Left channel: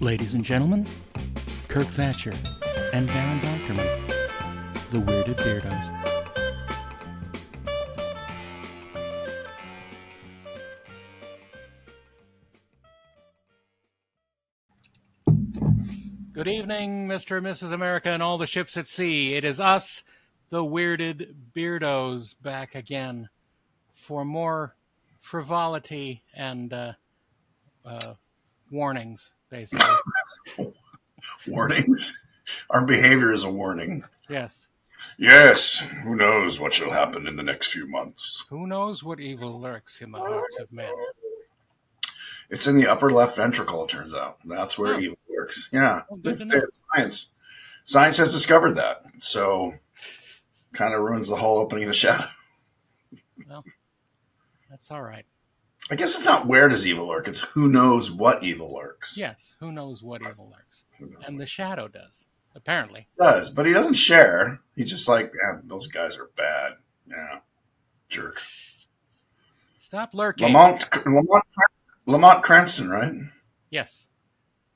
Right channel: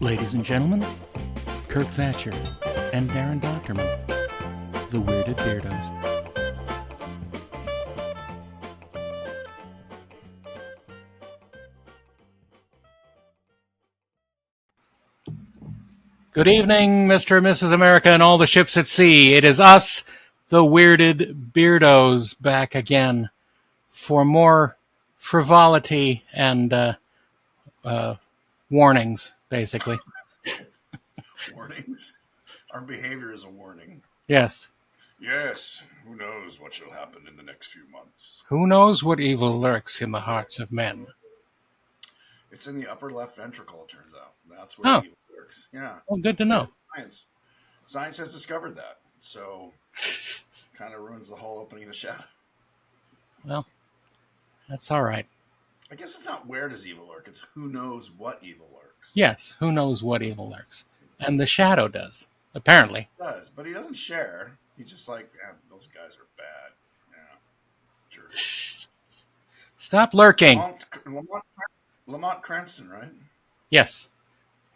Ladies and gentlemen, Kirk Thatcher and Daren Doctorman, the Weirded Beardos. Good evening, Mr. and Mrs. America and all the ships at sea. It is us, the Weirded Beardos, back again for more frivolity and warnings, basically. Warnings? Our behavior is a warning. Yes. Yes, who knows what shall happen in the next few months. Who knows what evil lurks in the hearts of men? It's in the upper left ventricle, it turns out. That's where evil lurks. Yeah. Well, good to know. Science. Science has discovered that. So, kind of ruins the whole opening of the shadow. Well, that's all right. I guess it's not where does evil lurk, it's who knows what evil lurks. Yes, who knows what evil lurks. And the shadow does, apparently. He does, but he doesn't share. He's just like, those guys are bad. Yeah. Jerks. Stop lurking. Lamont Cranston, right? Yes.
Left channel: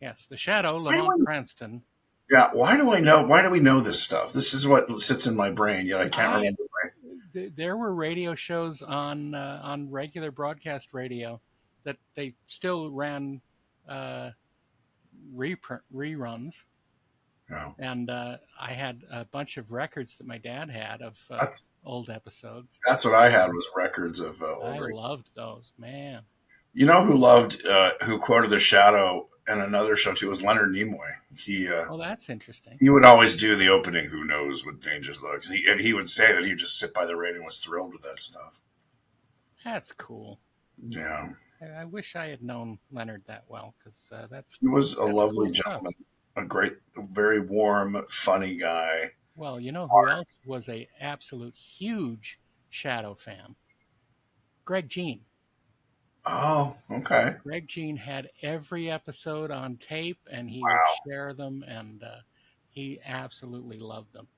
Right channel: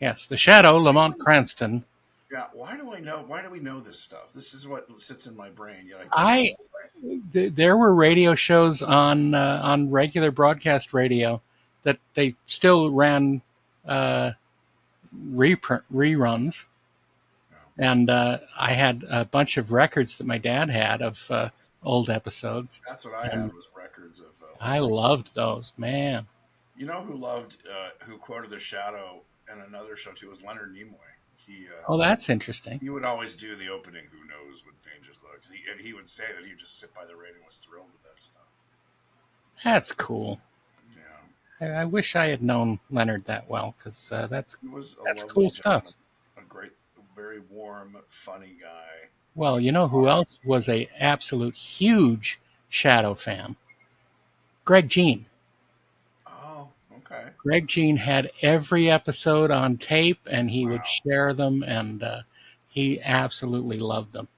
Yes, the shadow, Lamont Cranston. Yeah, why do we know this stuff? This is what sits in my brain, yet I can't remember. There were radio shows on regular broadcast radio that they still ran reruns. Oh. And I had a bunch of records that my dad had of old episodes. That's what I had was records of. I loved those, man. You know who who quoted the shadow in another show too was Leonard Nimoy. Oh, that's interesting. He would always do the opening. Who knows what dangers lurks? And he would say that he would just sit by the radio and was thrilled with that stuff. That's cool. Yeah, I wish I had known Leonard that well because he was a lovely cool gentleman, a very warm, funny guy. Well, you know who else was a absolute huge Shadow fan? Greg Jean. Oh, okay. Greg Jean had every episode on tape, and he would share them, and he absolutely loved them.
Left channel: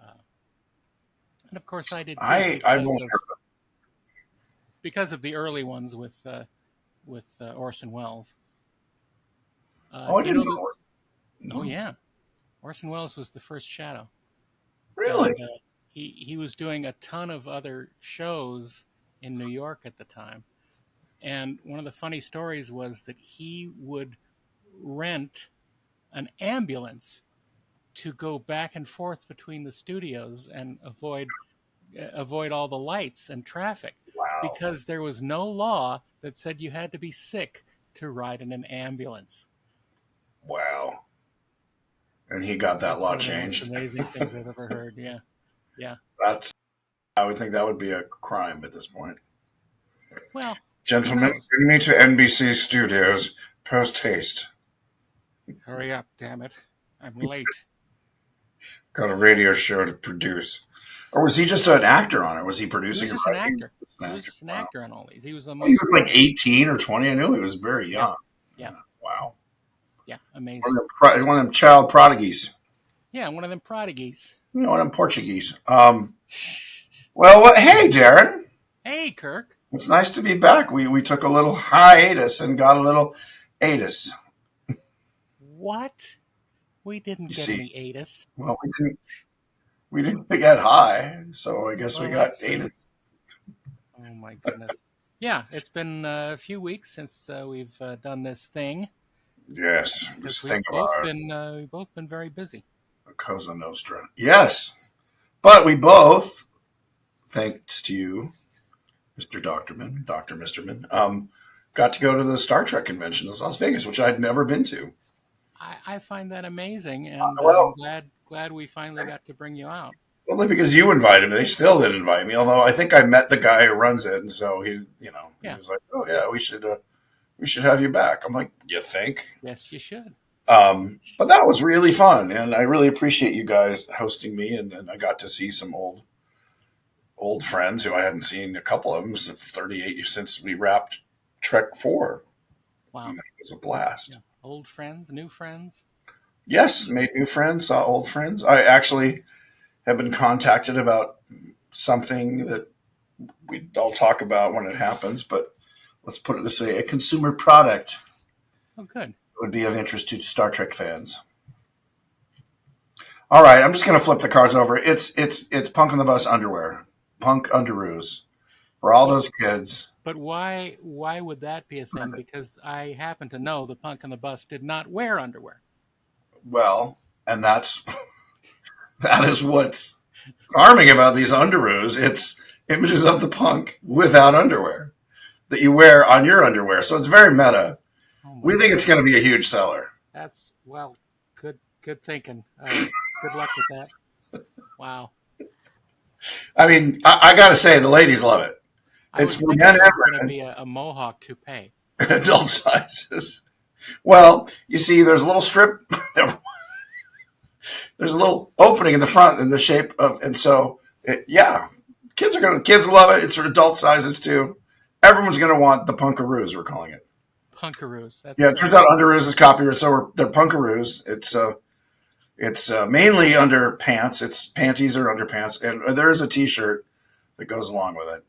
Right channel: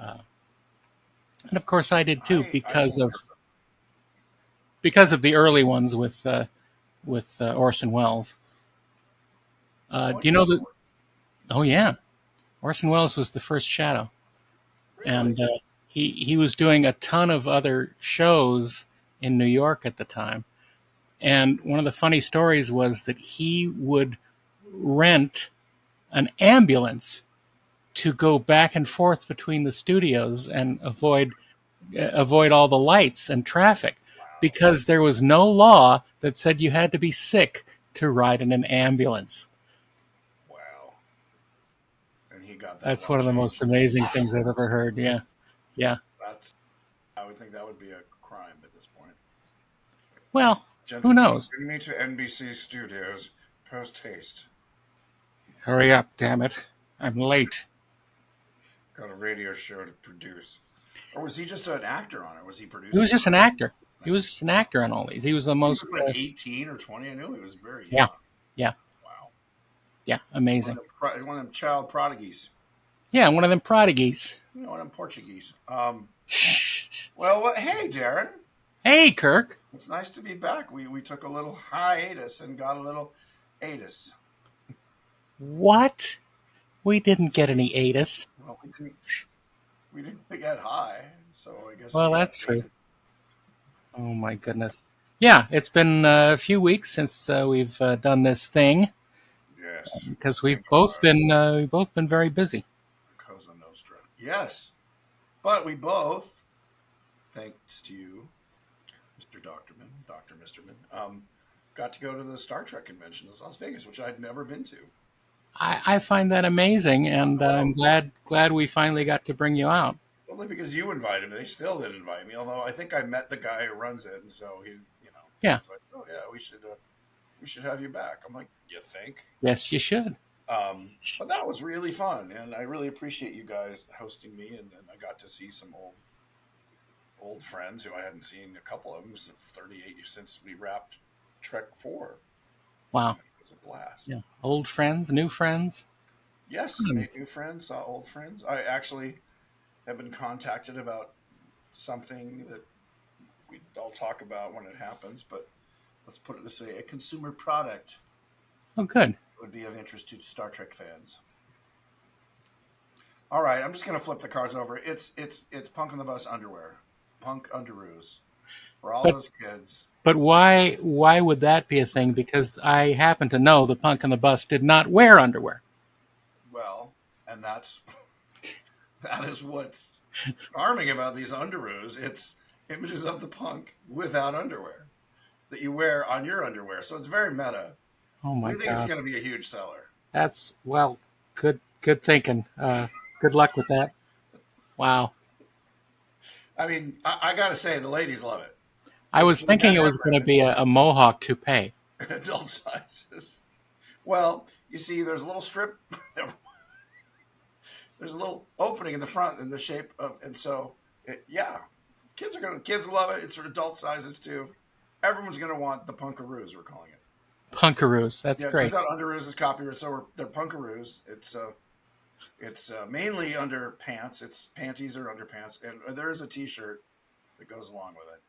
And of course, I did too, because of the early ones with Orson Welles. Do you know that? Oh yeah, Orson Welles was the first Shadow. Really? And he was doing a ton of other shows in New York at the time. And one of the funny stories was that he would rent an ambulance to go back and forth between the studios and avoid all the lights and traffic. Wow. Because there was no law that said you had to be sick to ride in an ambulance. Wow. And he got that That's law one of the changed. most amazing things I've ever heard. Yeah. Yeah. I would think that would be a crime at this point. Well, gentlemen, who knows? bring me to NBC Studios post haste. Hurry up, damn it. I'm late. Got a radio show to produce. Or was he just an actor on it? Was he producing? He was just an actor. He was just an actor on all these. He was the most. He was like 18 or 20. I knew he was very young. Yeah. Wow. Yeah, amazing. One of them child prodigies. Yeah, one of them prodigies. One of them Portuguese. Well, hey, Daren. Hey, Kirk. It's nice to be back. We took a little hiatus and got a little atus. What? We didn't get any atus. Well, we didn't get high, so I guess we got atus. Oh my goodness. Yeah, it's been a few weeks since we've done this thing. Yes, because we've both been very busy. Cosa Nostra. Yes, but we both, thanks to you, Mr. Doctorman, Dr. Misterman, got to go to the Star Trek convention in Las Vegas, which I'd never been to. I find that amazing, and I'm glad we finally got to bring you out. Only because you invited me. They still didn't invite me, although I think I met the guy who runs it, and so he was like, "Oh yeah, we should have you back." I'm like, "You think?" Yes, you should. But that was really fun, and I really appreciate you guys hosting me, and I got to see some old friends who I hadn't seen, a couple of them since 38 years since we wrapped Trek 4. Wow. And it was a blast. Yeah. Old friends, new friends? Yes, made new friends, saw old friends. I actually have been contacted about something that I'll talk about when it happens, but let's put it this way, a consumer product. Oh, good. would be of interest to Star Trek fans. All right, I'm just going to flip the cards over. It's Punk on the Bus underwear, punk underoos for all But those kids. but why would that be a thing? Because I happen to know the Punk on the Bus did not wear underwear. Well, and that is what's charming about these underoos. It's images of the punk without underwear that you wear on your underwear. So it's very meta. Oh my We think it's god, going to be a huge seller. that's well, good thinking. Good luck with that. Wow. I mean, I got to say, the ladies love it. I It's was for thinking men it was going to and be a mohawk toupee. women, adult sizes. Well, you see, there's a little strip. There's a little opening in the front in the shape of, and so yeah, kids love it. It's for adult sizes too. Everyone's gonna want the punkaroos. We're calling it. Punkaroos. That's Yeah, it turns great. out underoos is copyright, so they're punkaroos. It's mainly under pants. It's panties or underpants, and there is a T-shirt that goes along with it.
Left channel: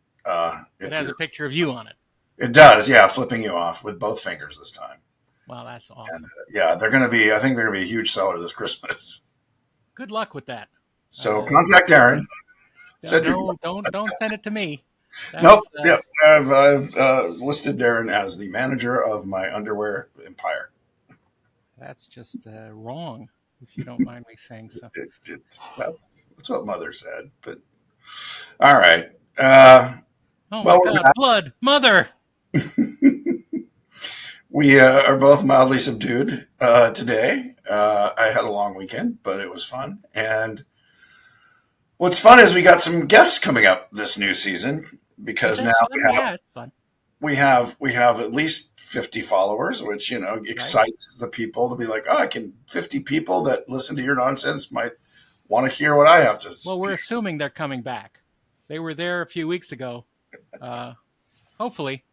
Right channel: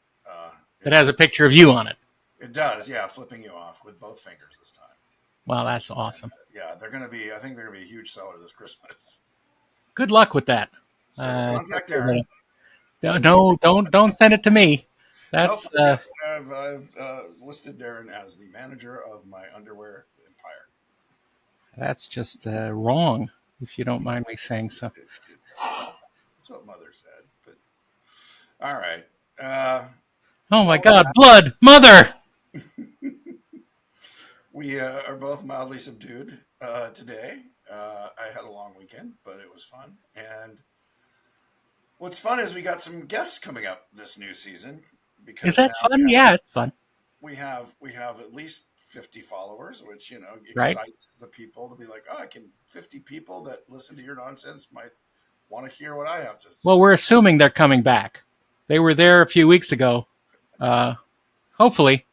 It has a picture of you on it. It does, yeah, flipping you off with both fingers this time. Wow, that's And awesome. yeah, they're gonna be. I think they're gonna be a huge seller this Christmas. Good luck with that. So contact Darren. No, don't send it to me. Nope. That's Yep. I've listed Darren as the manager of my underwear empire. that's just wrong, if you don't mind me saying so. That's what Mother said. But all right. Oh my Well, God, blood, mother! we are both mildly subdued today. I had a long weekend, but it was fun. And what's fun is we got some guests coming up this new season Is because that now fun? Yeah, it's fun. we have at least 50 followers, which Right? excites the people to be like, oh, I can 50 people that listen to your nonsense might want to hear what I have to Well, we're speak. assuming they're coming back. They were there a few weeks ago. Hopefully,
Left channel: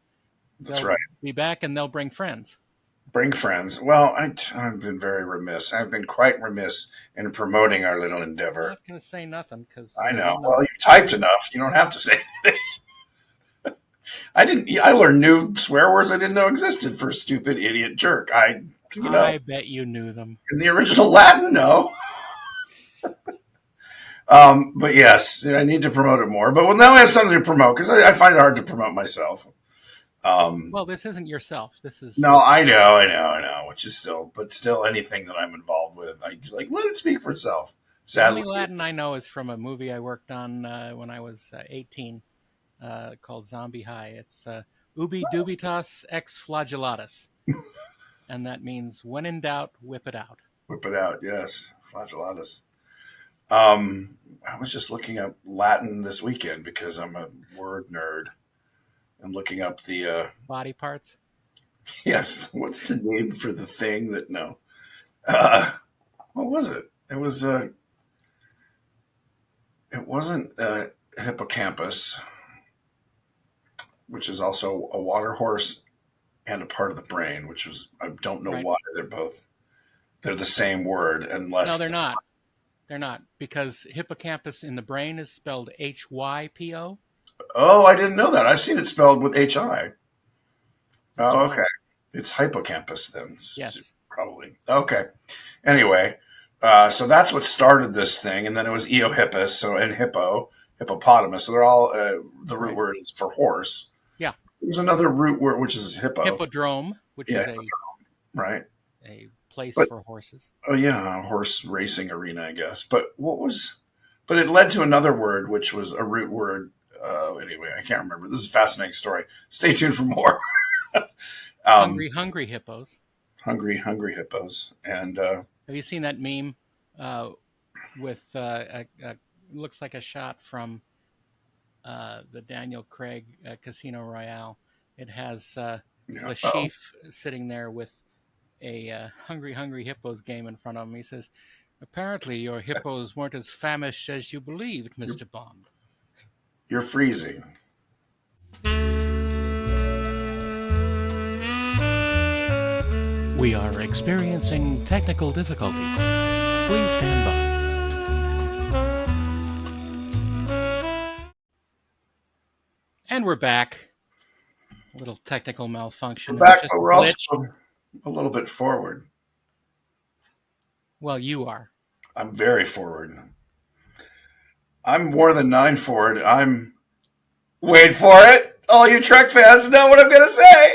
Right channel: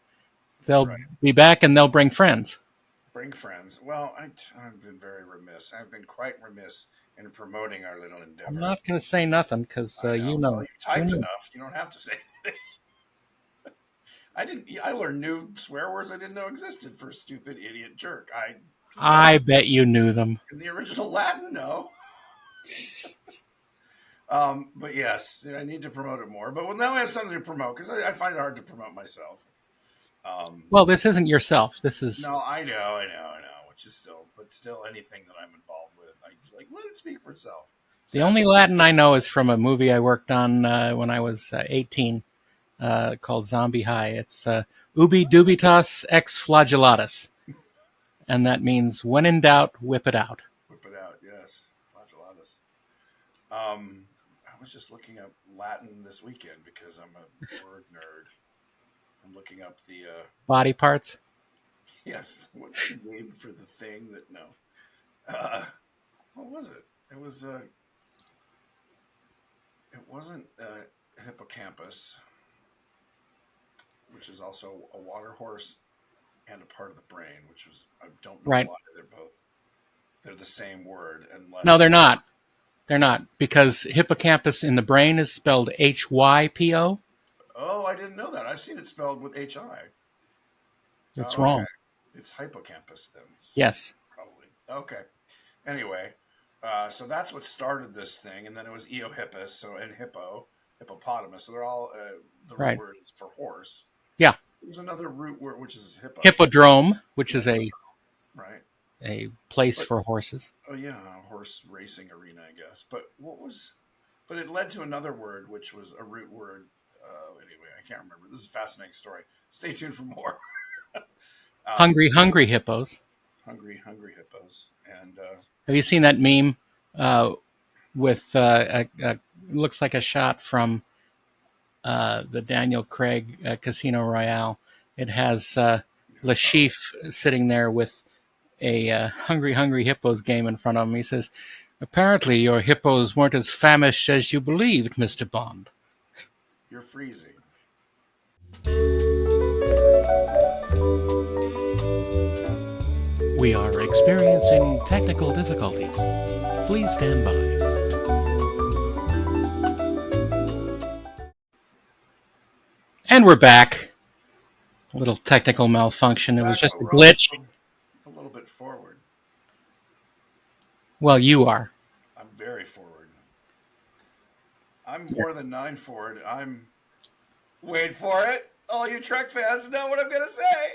That's they'll right. be back and they'll bring friends. Bring friends. Well, I've been very remiss. I've been quite remiss in promoting our little I'm endeavor. not going to say nothing because I know. you Well, know. you've typed enough. You don't have to say anything. I didn't. I learned new swear words I didn't know existed for stupid, idiot, jerk. I bet you knew them. In the original Latin, no. But yes, I need to promote it more. But well, now I have something to promote because I find it hard to promote myself. Well, this isn't yourself. This is No, I know. Which is still anything that I'm involved with, I like let it speak for itself. the only Sadly, Latin I know is from a movie I worked on when I was 18 called Zombie High. It's ubi dubitas ex flagellatus. And that means when in doubt, whip it out. whip it out. Yes, flagellatus. I was just looking up Latin this weekend because I'm a word nerd. I'm looking up the Body parts. yes. What's the name for the thing that no? Uh, what was it? It wasn't hippocampus, which is also a water horse and a part of the brain, which was I don't know Right. why they're the same word No, unless they're not. They're not because hippocampus in the brain is spelled HYPO. oh I didn't know that. I've seen it spelled with HI. That's Oh okay. wrong. It's hippocampus then, Yes. probably. Okay. Anyway, so that's what started this thing, and then it was eohippus, so and hippopotamus. So they're all the root Right. word is for horse. Yeah. There's another root word which is hippo. Hippodrome, which Yeah, is right. a place But for horses. oh yeah, horse racing arena, I guess. But what was? But it led to another word which was a root word. Anyway, I can't remember. This is a fascinating story. Stay tuned for more. Hungry hippos. Hungry hippos, and Have you seen that meme with looks like a shot from the Daniel Craig Casino Royale? It has Lashif sitting there with a hungry hippos game in front of him. He says, "Apparently, your hippos weren't as famished as you believed, Mr. Bond." you're freezing. We are experiencing technical difficulties. Please stand by. And we're back. A little technical malfunction. It was Back, just but a we're glitch. also a little bit forward. Well, you are. I'm very forward. I'm more than 9 forward. I'm. Wait for it. All you Trek fans know what I'm going to say.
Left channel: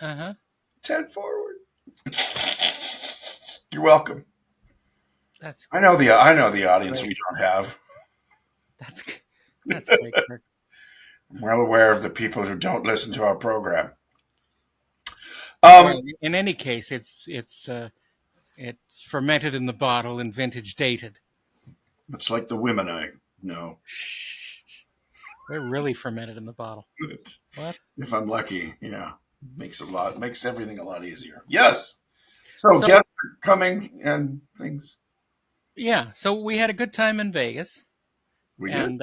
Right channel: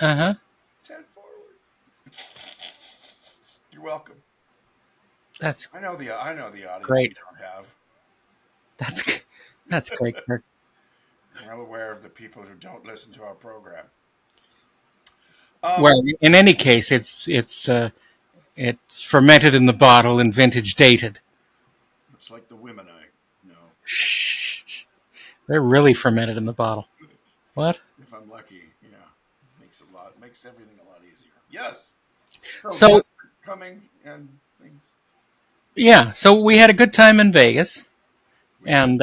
Uh huh. 10 forward. You're welcome. That's I know the audience great. we don't have. That's that's great, Kirk. I'm well aware of the people who don't listen to our program. Well, in any case, it's fermented in the bottle and vintage dated. It's like the women I know. They're really fermented in the bottle. What? If I'm lucky, yeah, makes everything a lot easier. Yes. So So guests are coming and things. yeah, so we had a good time in Vegas, We did and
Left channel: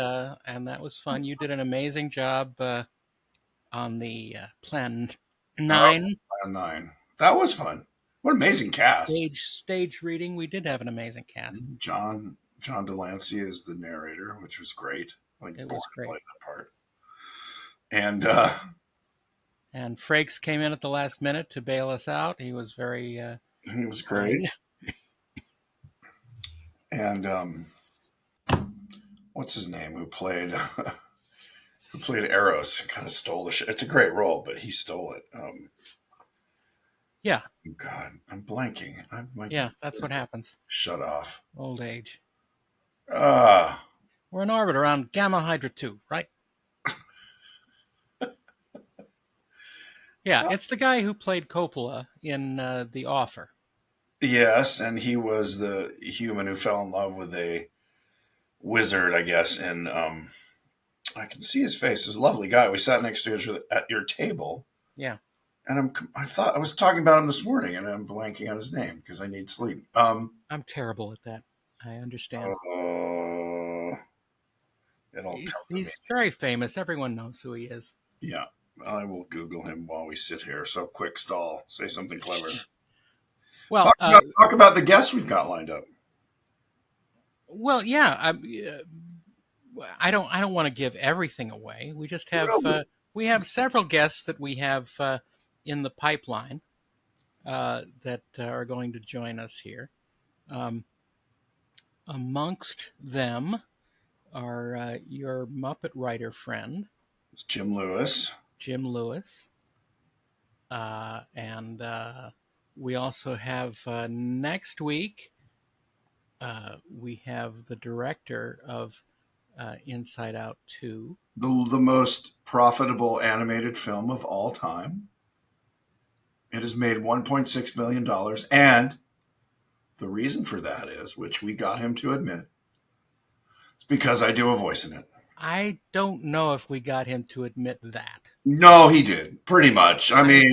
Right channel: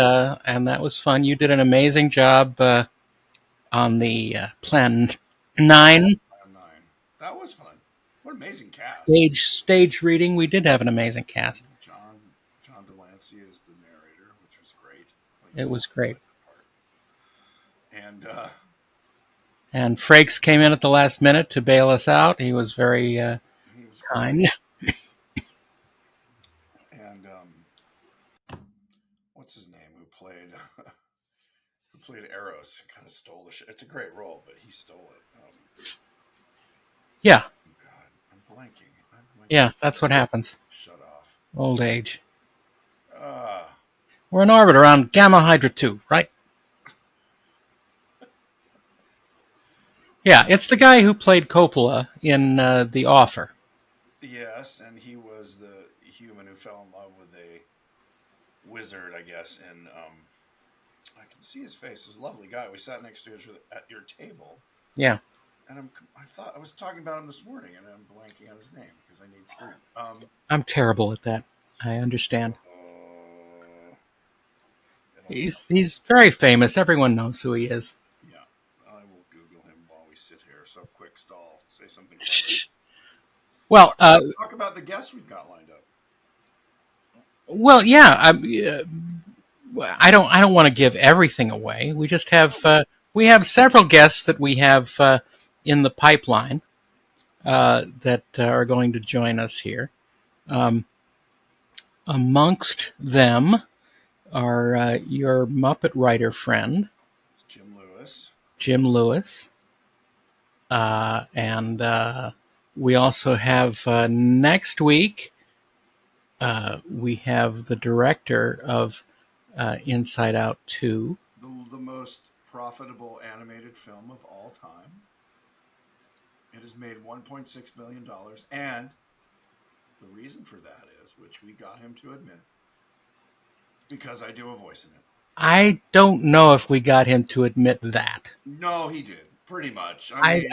that was fun. You did an amazing job on the Plan 9 Plan 9. That was fun. What an amazing cast. stage reading. We did have an amazing cast. John Delancey is the narrator, which was great. Like It born was to play great. that part. And And Frakes came in at the last minute to bail us out. He was very he was great. kind. And what's his name who played who played Eros? Kind of stole the shit. It's a great role, but he stole it. Yeah, God, I'm blanking. My yeah, that's what happens. shut off. Old age. Uh We're in orbit around Gamma Hydra 2, right? Yeah, it's the guy who played Coppola in The Offer. yes, and he was the human who fell in love with a wizard, I guess. And I can see his face. He's a lovely guy. We sat next to each other at your table, Yeah, and I thought I was talking about him this morning, and I'm blanking on his name because I need sleep. I'm terrible at that. I understand. Uh, it'll come to me. He's very famous. Everyone knows who he is. Yeah, I will Google him while we sit here. So quick stall. Say something clever. Well, Talk about the guests we've got lined up. yeah. I don't want to give everything away. We just have we have several guests that we have in the pipeline that are going to join us here. Um, Amongst them are your Muppet writer friend It's Jim Lewis. Jim Lewis, and we also have next week. We have the director of Inside Out 2. The most profitable animated film of all time. It has made $1.6 billion. And the reason for that is, which we got him to admit, it's because I do a voice in it. I don't know if we got him to admit that. No, he did. Pretty much. I mean,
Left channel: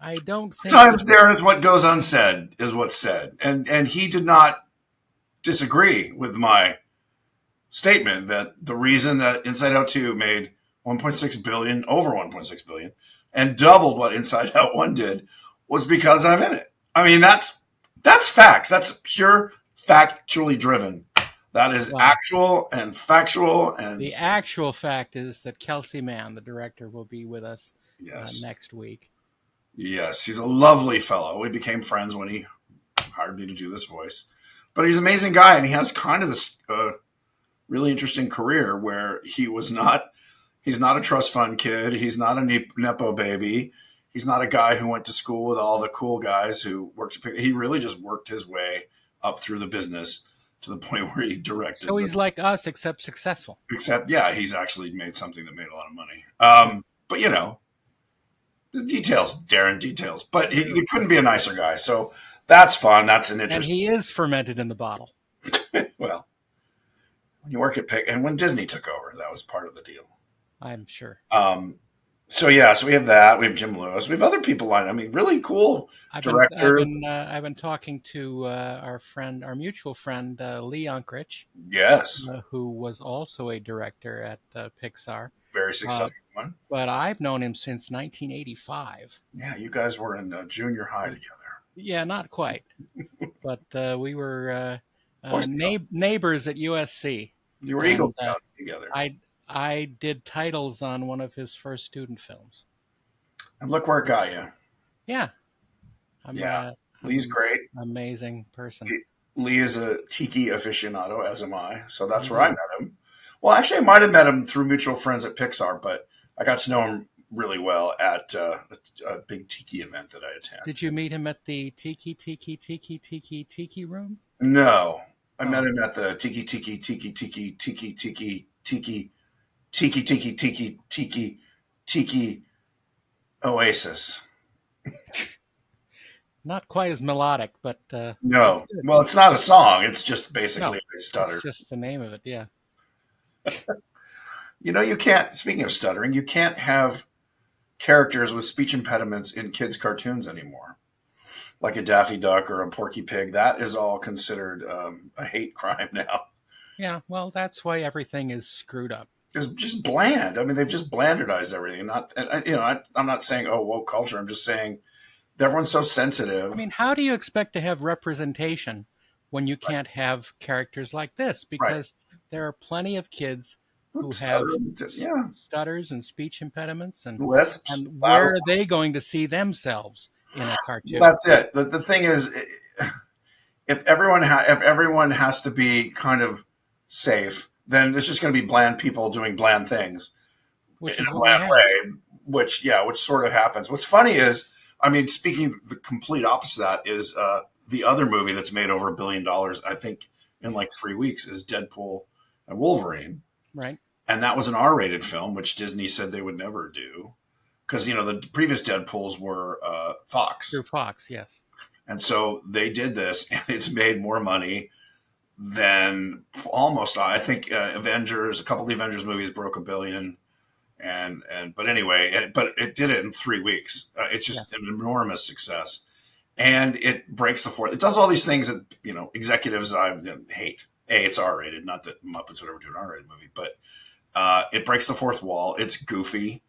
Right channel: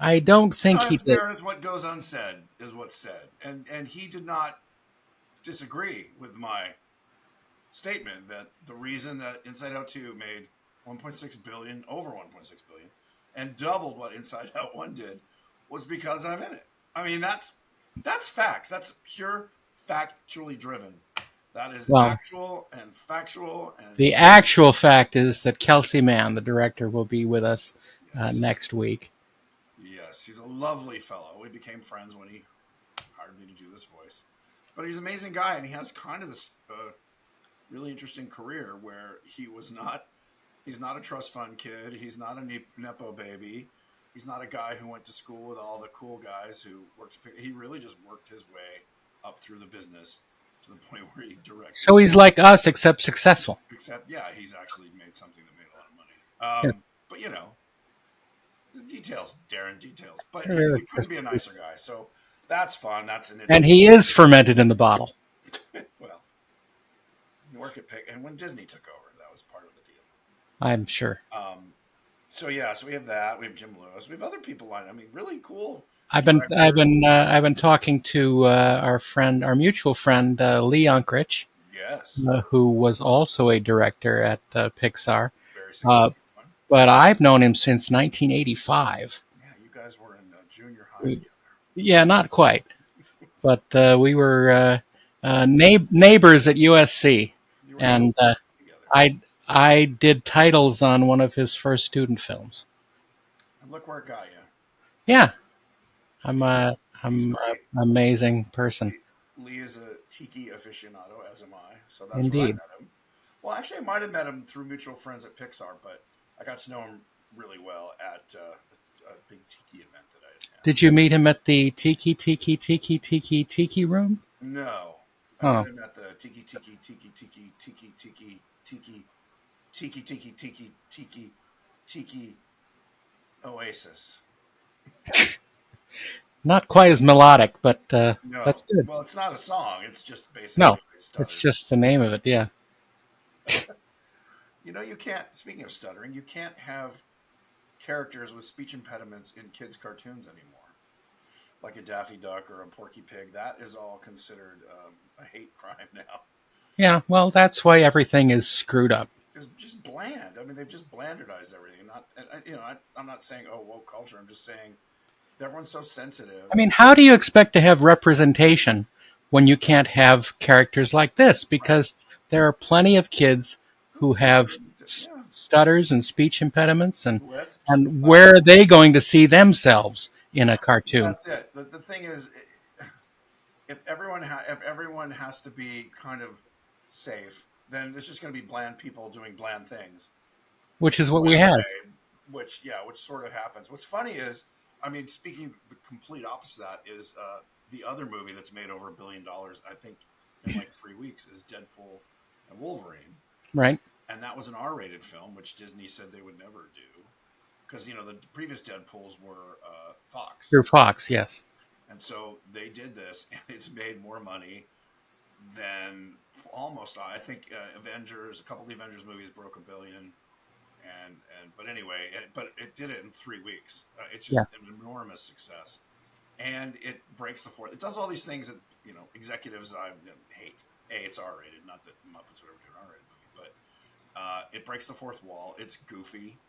I don't think sometimes he did. there is what goes unsaid is what's said. And he did not disagree with my statement that the reason that Inside Out 2 made 1.6 billion, over 1.6 billion, and doubled what Inside Out 1 did was because I'm in it. I mean, that's facts. That's pure factually driven. That is Well, actual and factual. And the actual fact is that Kelsey Mann, the director, will be with us yes, next week. yes, he's a lovely fellow. We became friends when he hired me to do this voice. But he's an amazing guy, and he has kind of this really interesting career where he's not a trust fund kid. He's not a Nepo baby. He's not a guy who went to school with all the cool guys who worked. He really just worked his way up through the business to the point where he directed. So he's like us, except successful. Except, yeah, he's actually made something that made a lot of money. Yeah. But, the details, Daren, details. But he couldn't be a nicer guy. So that's fun. That's an interesting. And he is fermented in the bottle. Well, you work at Pick, and when Disney took over, that was part of the deal. I'm sure. So we have that. We have Jim Lewis. We have other people lined. I mean, really cool. I've been talking to our mutual friend Lee Unkrich, Yes, who was also a director at Pixar. very successful one. But I've known him since 1985. Yeah, you guys were in junior high together. Yeah, not quite, but we were neighbors at USC. You were Eagle Scouts together. I did titles on one of his first student films. And look where it got you. Yeah, I'm Yeah, a Lee's I'm great. an amazing person. Lee is a tiki aficionado, as am I. So that's where I Indeed. met him. Well, actually, I might have met him through mutual friends at Pixar, but I got to know him really well at a big tiki event that I attend. Did you meet him at the Tiki room? No, I met Oh, him at the tiki oasis. not quite as melodic, but that's No, good. well, it's not a song. It's just No, basically I it's stuttered. just the name of it. Yeah. You know, you can't. Speaking of stuttering, you can't have characters with speech impediments in kids' cartoons anymore, like a Daffy Duck or a Porky Pig. That is all considered a hate crime now. Yeah. Well, that's why everything is screwed up. It's just bland. I mean, they've just blandardized everything. Not, I'm not saying woke culture. I'm just saying everyone's so I sensitive. mean, how do you expect to have representation when you Right. can't have characters like this? Right. Because there are plenty of kids who have Stuttering. Yeah. stutters and speech impediments, Lisps. and where are they going to see themselves in a cartoon? That's it. The thing is, if everyone has to be kind of safe, then it's just going to be bland people doing bland things in Which is a what we bland have. way, which sort of happens. What's funny is, I mean, speaking the complete opposite of that is the other movie that's made over $1 billion, I think, in like 3 weeks is Deadpool and Wolverine, Right. and that was an R-rated film, which Disney said they would never do because the previous Deadpool's were Fox, Through Fox, yes. and so they did this, and it's made more money than almost I think Avengers. A couple of the Avengers movies broke $1 billion, but anyway, but it did it in 3 weeks. It's Yeah. just an enormous success, and it breaks the fourth. It does all these things that executives I hate. It's R-rated, not that Muppets would ever do an R-rated movie, but it breaks the fourth wall. It's goofy,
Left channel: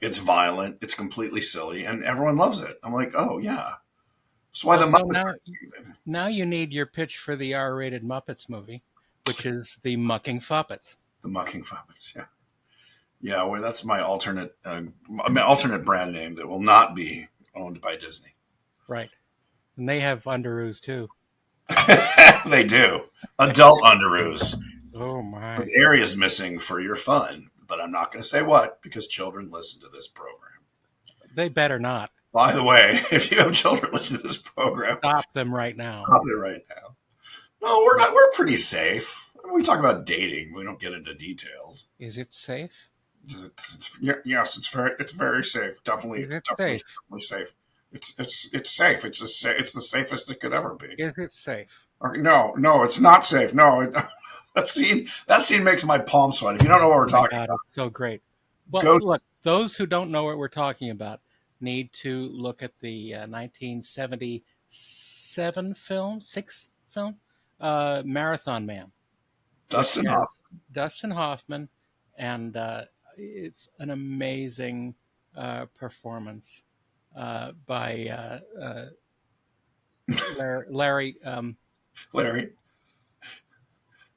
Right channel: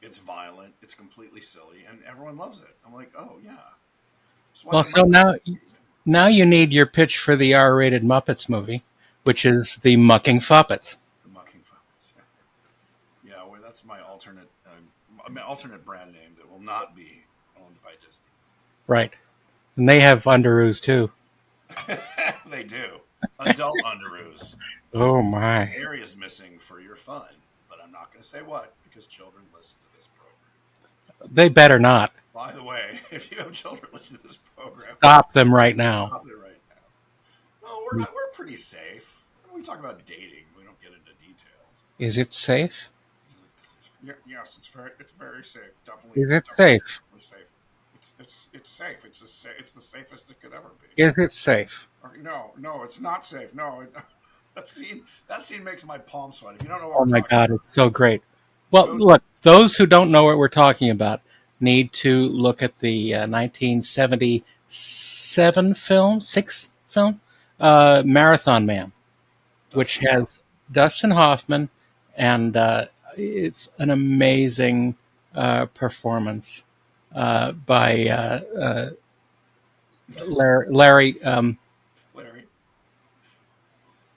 it's violent, it's completely silly, and everyone loves it. I'm like, oh yeah, that's why Well, the so Muppets. now you need your pitch for the R-rated Muppets movie, which is the Mucking Fuppets. The mucking puppets, yeah. Yeah, well, that's my alternate brand name that will not be owned by Disney. Right. And they have Underoos too. They do adult underoos Oh with my. areas missing for your fun, but I'm not going to say what because children listen to this program. They better not. By the way, if you have children listening to this program, Stop them right now. stop it right now. No, we're not. We're pretty safe. When we talk about dating, we don't get into details. Is it safe? Yes, it's very safe. Definitely, Is it's it safe? definitely safe. It's safe. It's the safest it could ever be. Is it safe? No, it's not safe. No, that scene makes my palm sweat. If you don't know what Oh we're my talking God, about, it's so great. Well, go. look, those who don't know what we're talking about need to look at the 1977 film, six film, Marathon Man, which Dustin Hoff. has Dustin Hoffman, and it's an amazing performance by Larry Larry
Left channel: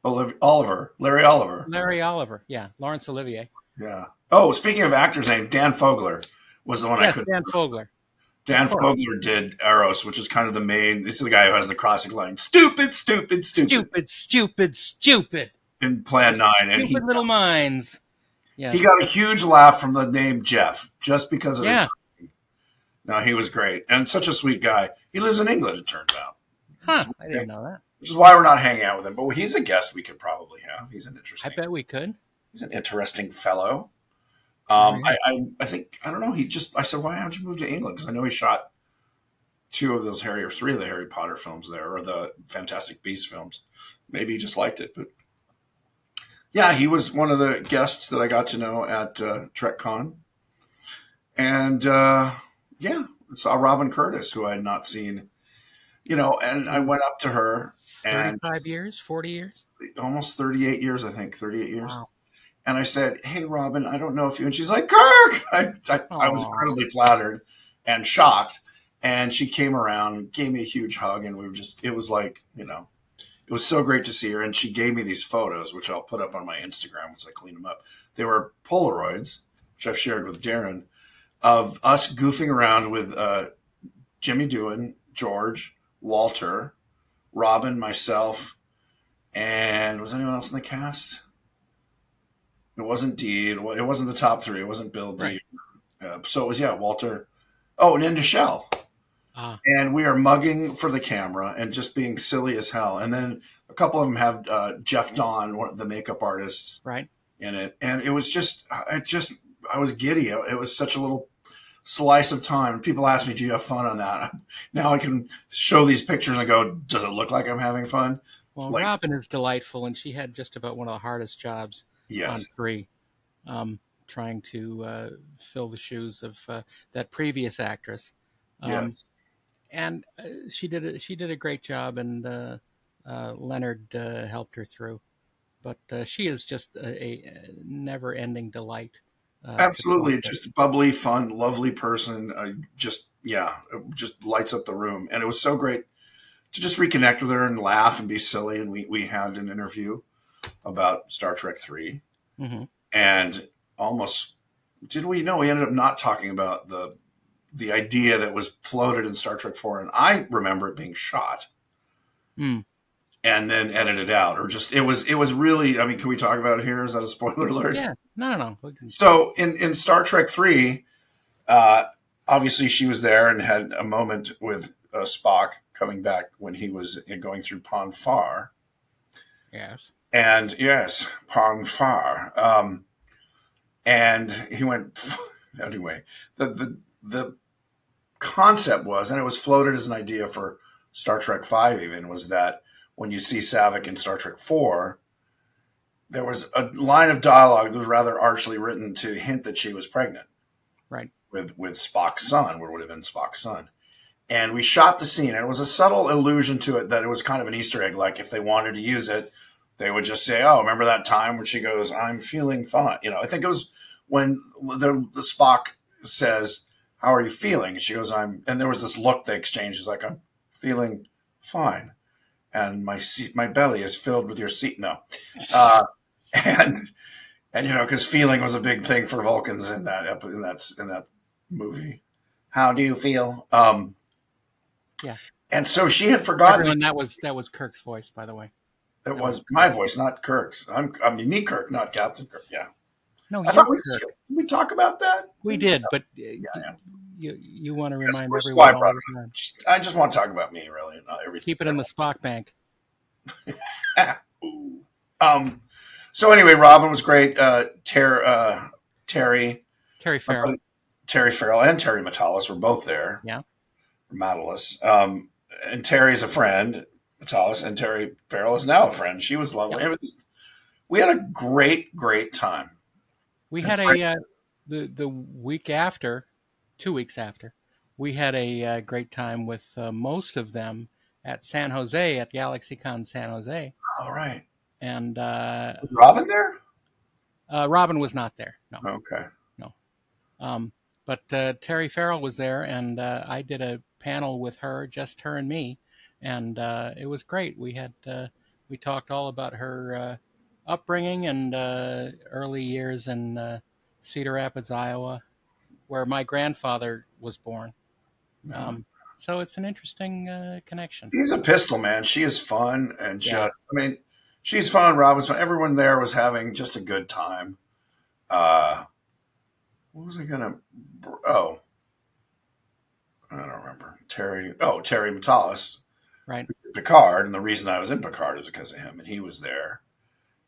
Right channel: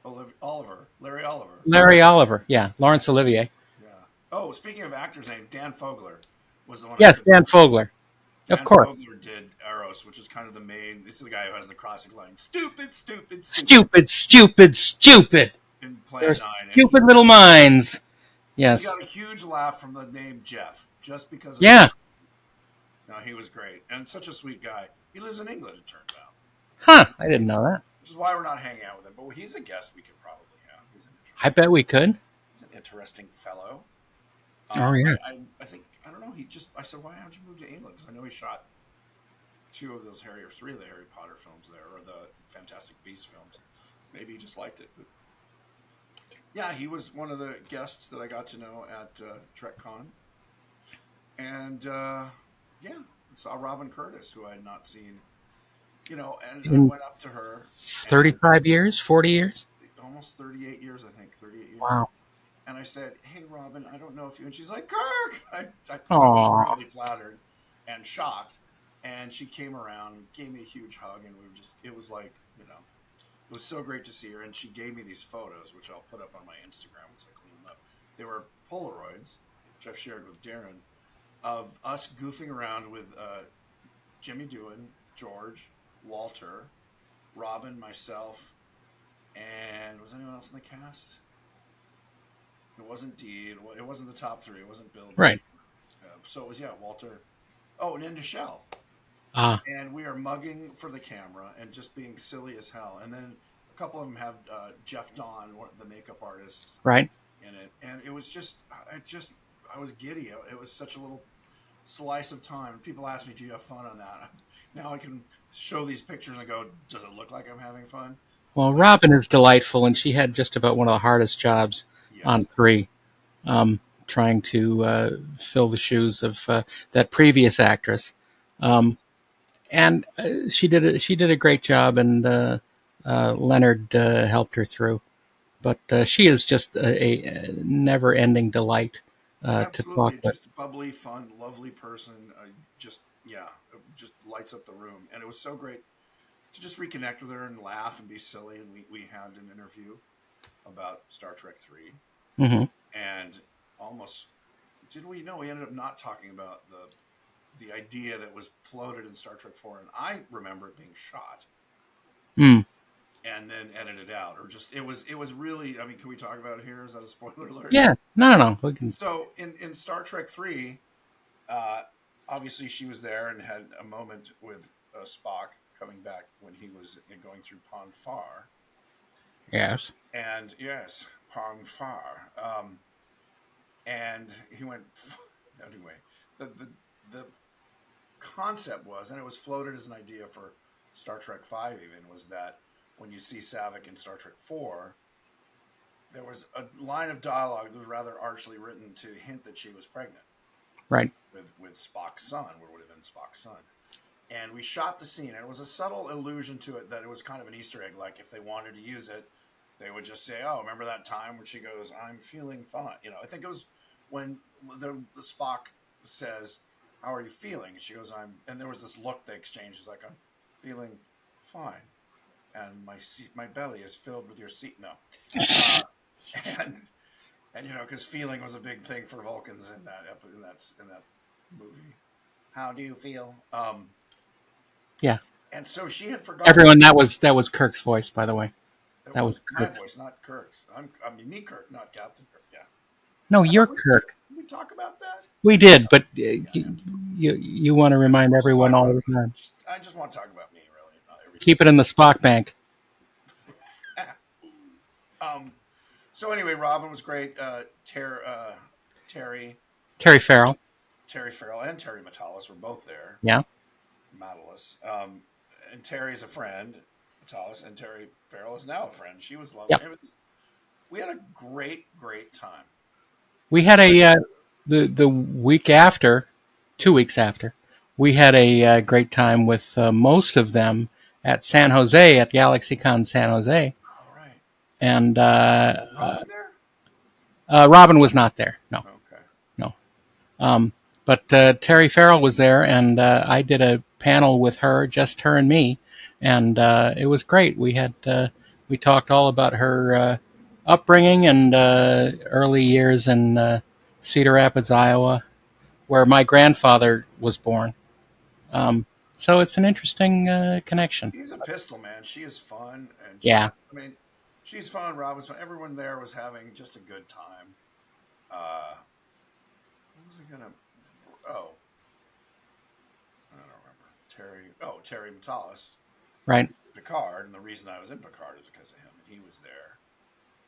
Oliver, Larry Oliver. Larry Oliver. Yeah, Laurence Olivier. Yeah. Oh, speaking of actors' name, Dan Fogler was the one I Yes, couldn't Dan remember. Fogler. Of Dan course. Fogler did Eros, which is kind of the main. It's the guy who has the classic line, "Stupid, stupid, stupid," Stupid, stupid, stupid. in They're Plan 9, and stupid little minds. he Yes. got a huge laugh from the name Jeff just because of his. Yeah. No, he was great and such a sweet guy. He lives in England, it turns out, which Huh. is, I didn't know that. which is why we're not hanging out with him. But he's a guest we could probably have. I bet we could. He's an interesting fellow. Oh, I, yes. I think I don't know. I said, why don't you move to England? Because I know he shot three of the Harry Potter films there, or the Fantastic Beasts films. Maybe he just liked it, but yeah, he was one of the guests that I got to know at TrekCon, and yeah, saw Robin Curtis, who I had not seen, and I In went up to her, and 35 years, 40 years? almost 38 years, I think, 38 years. Wow. And I said, "Hey, Robin, I don't know if you," and she's like, "Kirk." I was Aw. incredibly flattered and shocked. And she came around, gave me a huge hug, and it was like, it was so great to see her. And she gave me these photos, which I'll put up on my Instagram once I clean them up. They were Polaroids, which I've shared with Daren, of us goofing around with Jimmy Doohan, George, Walter, Robin, myself, and was anyone else in the cast? It wasn't Dee. It wasn't the top three. It wasn't Bill Right. Dee. So it was, yeah, Walter. Oh, and Inda Shell. Ah, And we are mugging for the camera and just being silly as hell. And then a couple of them have Jeff Dawn, the makeup artist, right. in it. And it was just, I was giddy. It was such a little slice of time. People ask me, do you have fun on that? Now I can show these pictures and go, does it look like I'm having fun? Well, Like, Robin is delightful, and she had just about one of the hardest jobs on yes, Three, trying to fill the shoes of that previous actress. Um, yes. and she did a great job, and Leonard helped her through. But she is just a never-ending delight to talk Absolutely. with. Just bubbly, fun, lovely person. Yeah, it just lights up the room. And it was so great to just reconnect with her and laugh and be silly. And we had an interview about Star Trek 3. Hmm. And almost, did we know we ended up not talking about the idea that was floated in Star Trek 4. And I remember it being shot Mm. and then edited out. Or just, it was really, I mean, can we talk about it here? Is that a spoiler alert? Yeah, no. We can. So in Star Trek 3, Uh, obviously, she was there and had a moment with Spock coming back when he was going through Pon Far. Yes. And yes, Pon Far. And he went, anyway, the concept was, and it was floated as an idea for Star Trek 5 even, was that when you see Saavik in Star Trek 4, there was a line of dialogue that was rather archly written to hint that she was pregnant Right. with Spock's son, what would have been Spock's son. And we shot the scene, and it was a subtle allusion to it that it was kind of an Easter egg. Like if they wanted to use it, they would just say, "Oh, remember that time when she goes, I'm feeling fine." I think it was when the Spock says, "How are you feeling?" And she goes, "I'm." And there was this look they exchanged. She's like, "I'm feeling fine, and my belly is filled with your seat." No, uh, and because feeling was a big thing for Vulcans in that movie. How do you feel? Yeah. And so she had forgotten Everyone, that was Kirk's voice, by the way. that That was was my Kirk's. voice, not Kirk's. I mean, me, Kirk, not Captain Kirk. Yeah. No, I you're thought Kirk. we talk about that. We did, but Yeah, yeah. you want to That's, remind which is why I everyone all brought the it up. time. I just want to talk about me, really, not everything. Keep it in the Spock bank. um. So anyway, Robin was great. Terry, Terry Farrell. Terry Farrell, and Terry Matalas were both there. Yeah. Matalas. And Terry's a friend, Matalas, and Terry Farrell is now a friend. She was lovely. Yep. We had a great, great time. We And had Frank's, the week after, 2 weeks after, we had a great time with most of them at San Jose at GalaxyCon San Jose, all right. and Was Robin there? Robin was not there. No, Okay. no. But Terry Farrell was there, and I did a panel with her, just her and me, and it was great. We talked all about her upbringing and early years in Cedar Rapids, Iowa, where my grandfather was born. Um, so it's an interesting connection. He's a pistol man. She is fun and Yeah, just, I mean, she's fun. Robin's fun. Everyone there was having just a good time. Uh, what was I gonna? Oh, I don't remember. Terry Matalas, right. Picard, and the reason I was in Picard is because of him, and he was there,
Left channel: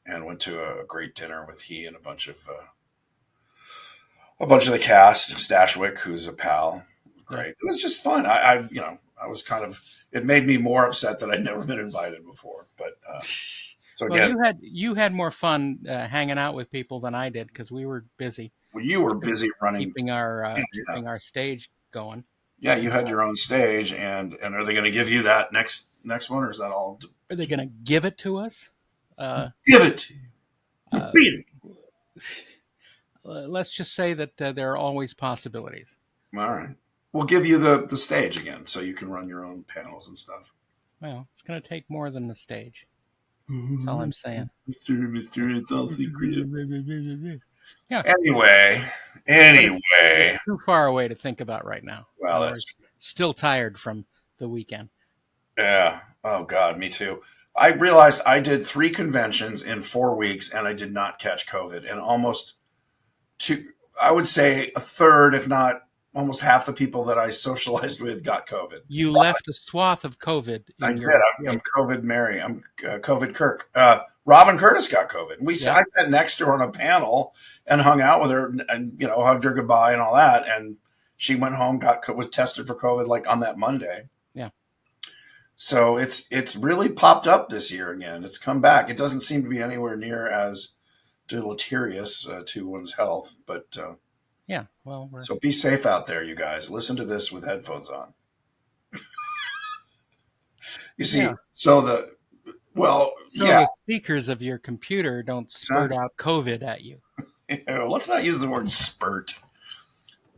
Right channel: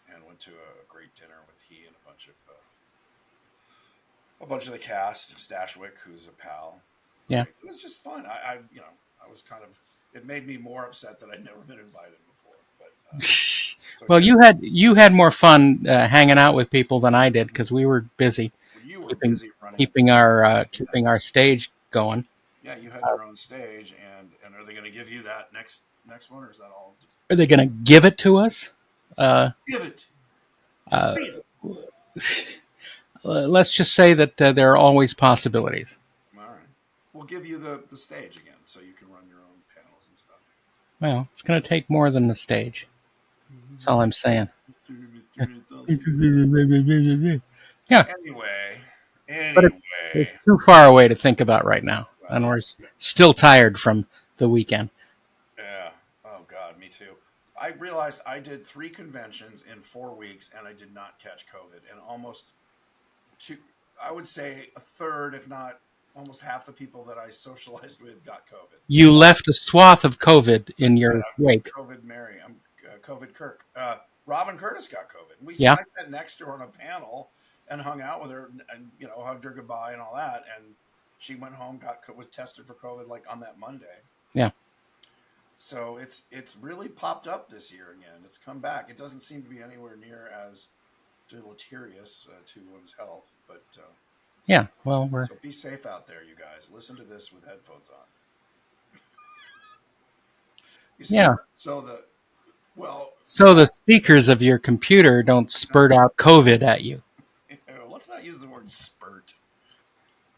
and went to a great dinner with he and a bunch of the cast. Stashwick, who's a pal, Yeah. great. It was just fun. I was kind of. It made me more upset that I'd never been invited before. But so Well, again, you had more fun hanging out with people than I did because we were busy well, you were keeping busy running. keeping our stage going. Yeah, you had your own stage, and are they going to give you that next one, or is that all? Are they going to give it to us? Give it. You Uh, beat it. let's just say that there are always possibilities. All right. We'll give you the stage again, so you can run your own panels and stuff. Well, it's going to take more than the stage. That's all I'm saying. Mister, it's all secret. Yeah, Anyway, but it's too far away to think about right now, well, and we're that's still tired from the weekend. Yeah. Oh God, me too. I realized I did 3 conventions in 4 weeks, and I did not catch COVID. And almost two, I would say a third, if not almost half the people that I socialized with got COVID. You left a swath of COVID I in did. your I'm wake. COVID Mary. I'm COVID Kirk. Robin Curtis got COVID. Yeah. I sat next to her on a panel and hung out with her, and hugged her goodbye and all that. And she went home, was tested for COVID like on that Monday. Yeah. So it's really popped up this year again. It's come back. It doesn't seem to be anywhere near as deleterious to one's health, but Yeah. Well, so be safe out there, you guys. Listen to this with headphones on. You see, yeah. so So yeah. the speakers of your computer don't spurt out COVID at you. Let's not use the word spurt.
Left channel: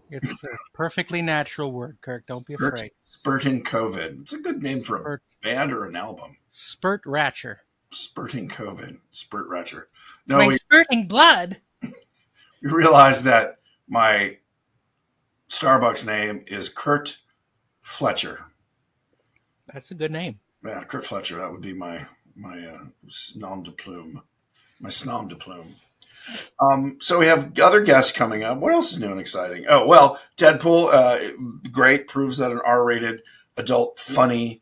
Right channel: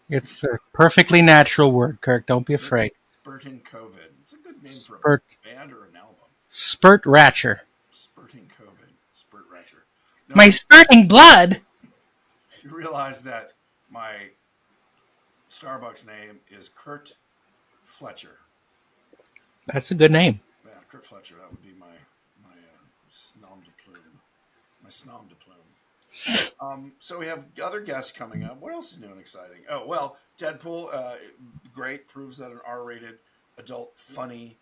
It's a perfectly natural word, Kirk. Don't be Spurt, afraid. spurting COVID. It's a good name for a Spurt, band or an album. spurt ratcher. Spurting COVID. Spurt Ratcher. No, My spurting blood. you realize that my Starbucks name is Kurt Fletcher. That's a good name. Yeah, Kurt Fletcher. That would be my nom de plume. My snom de plume. So we have other guests coming up. What else is new and exciting? Oh, well, Deadpool, great, proves that an R-rated adult funny.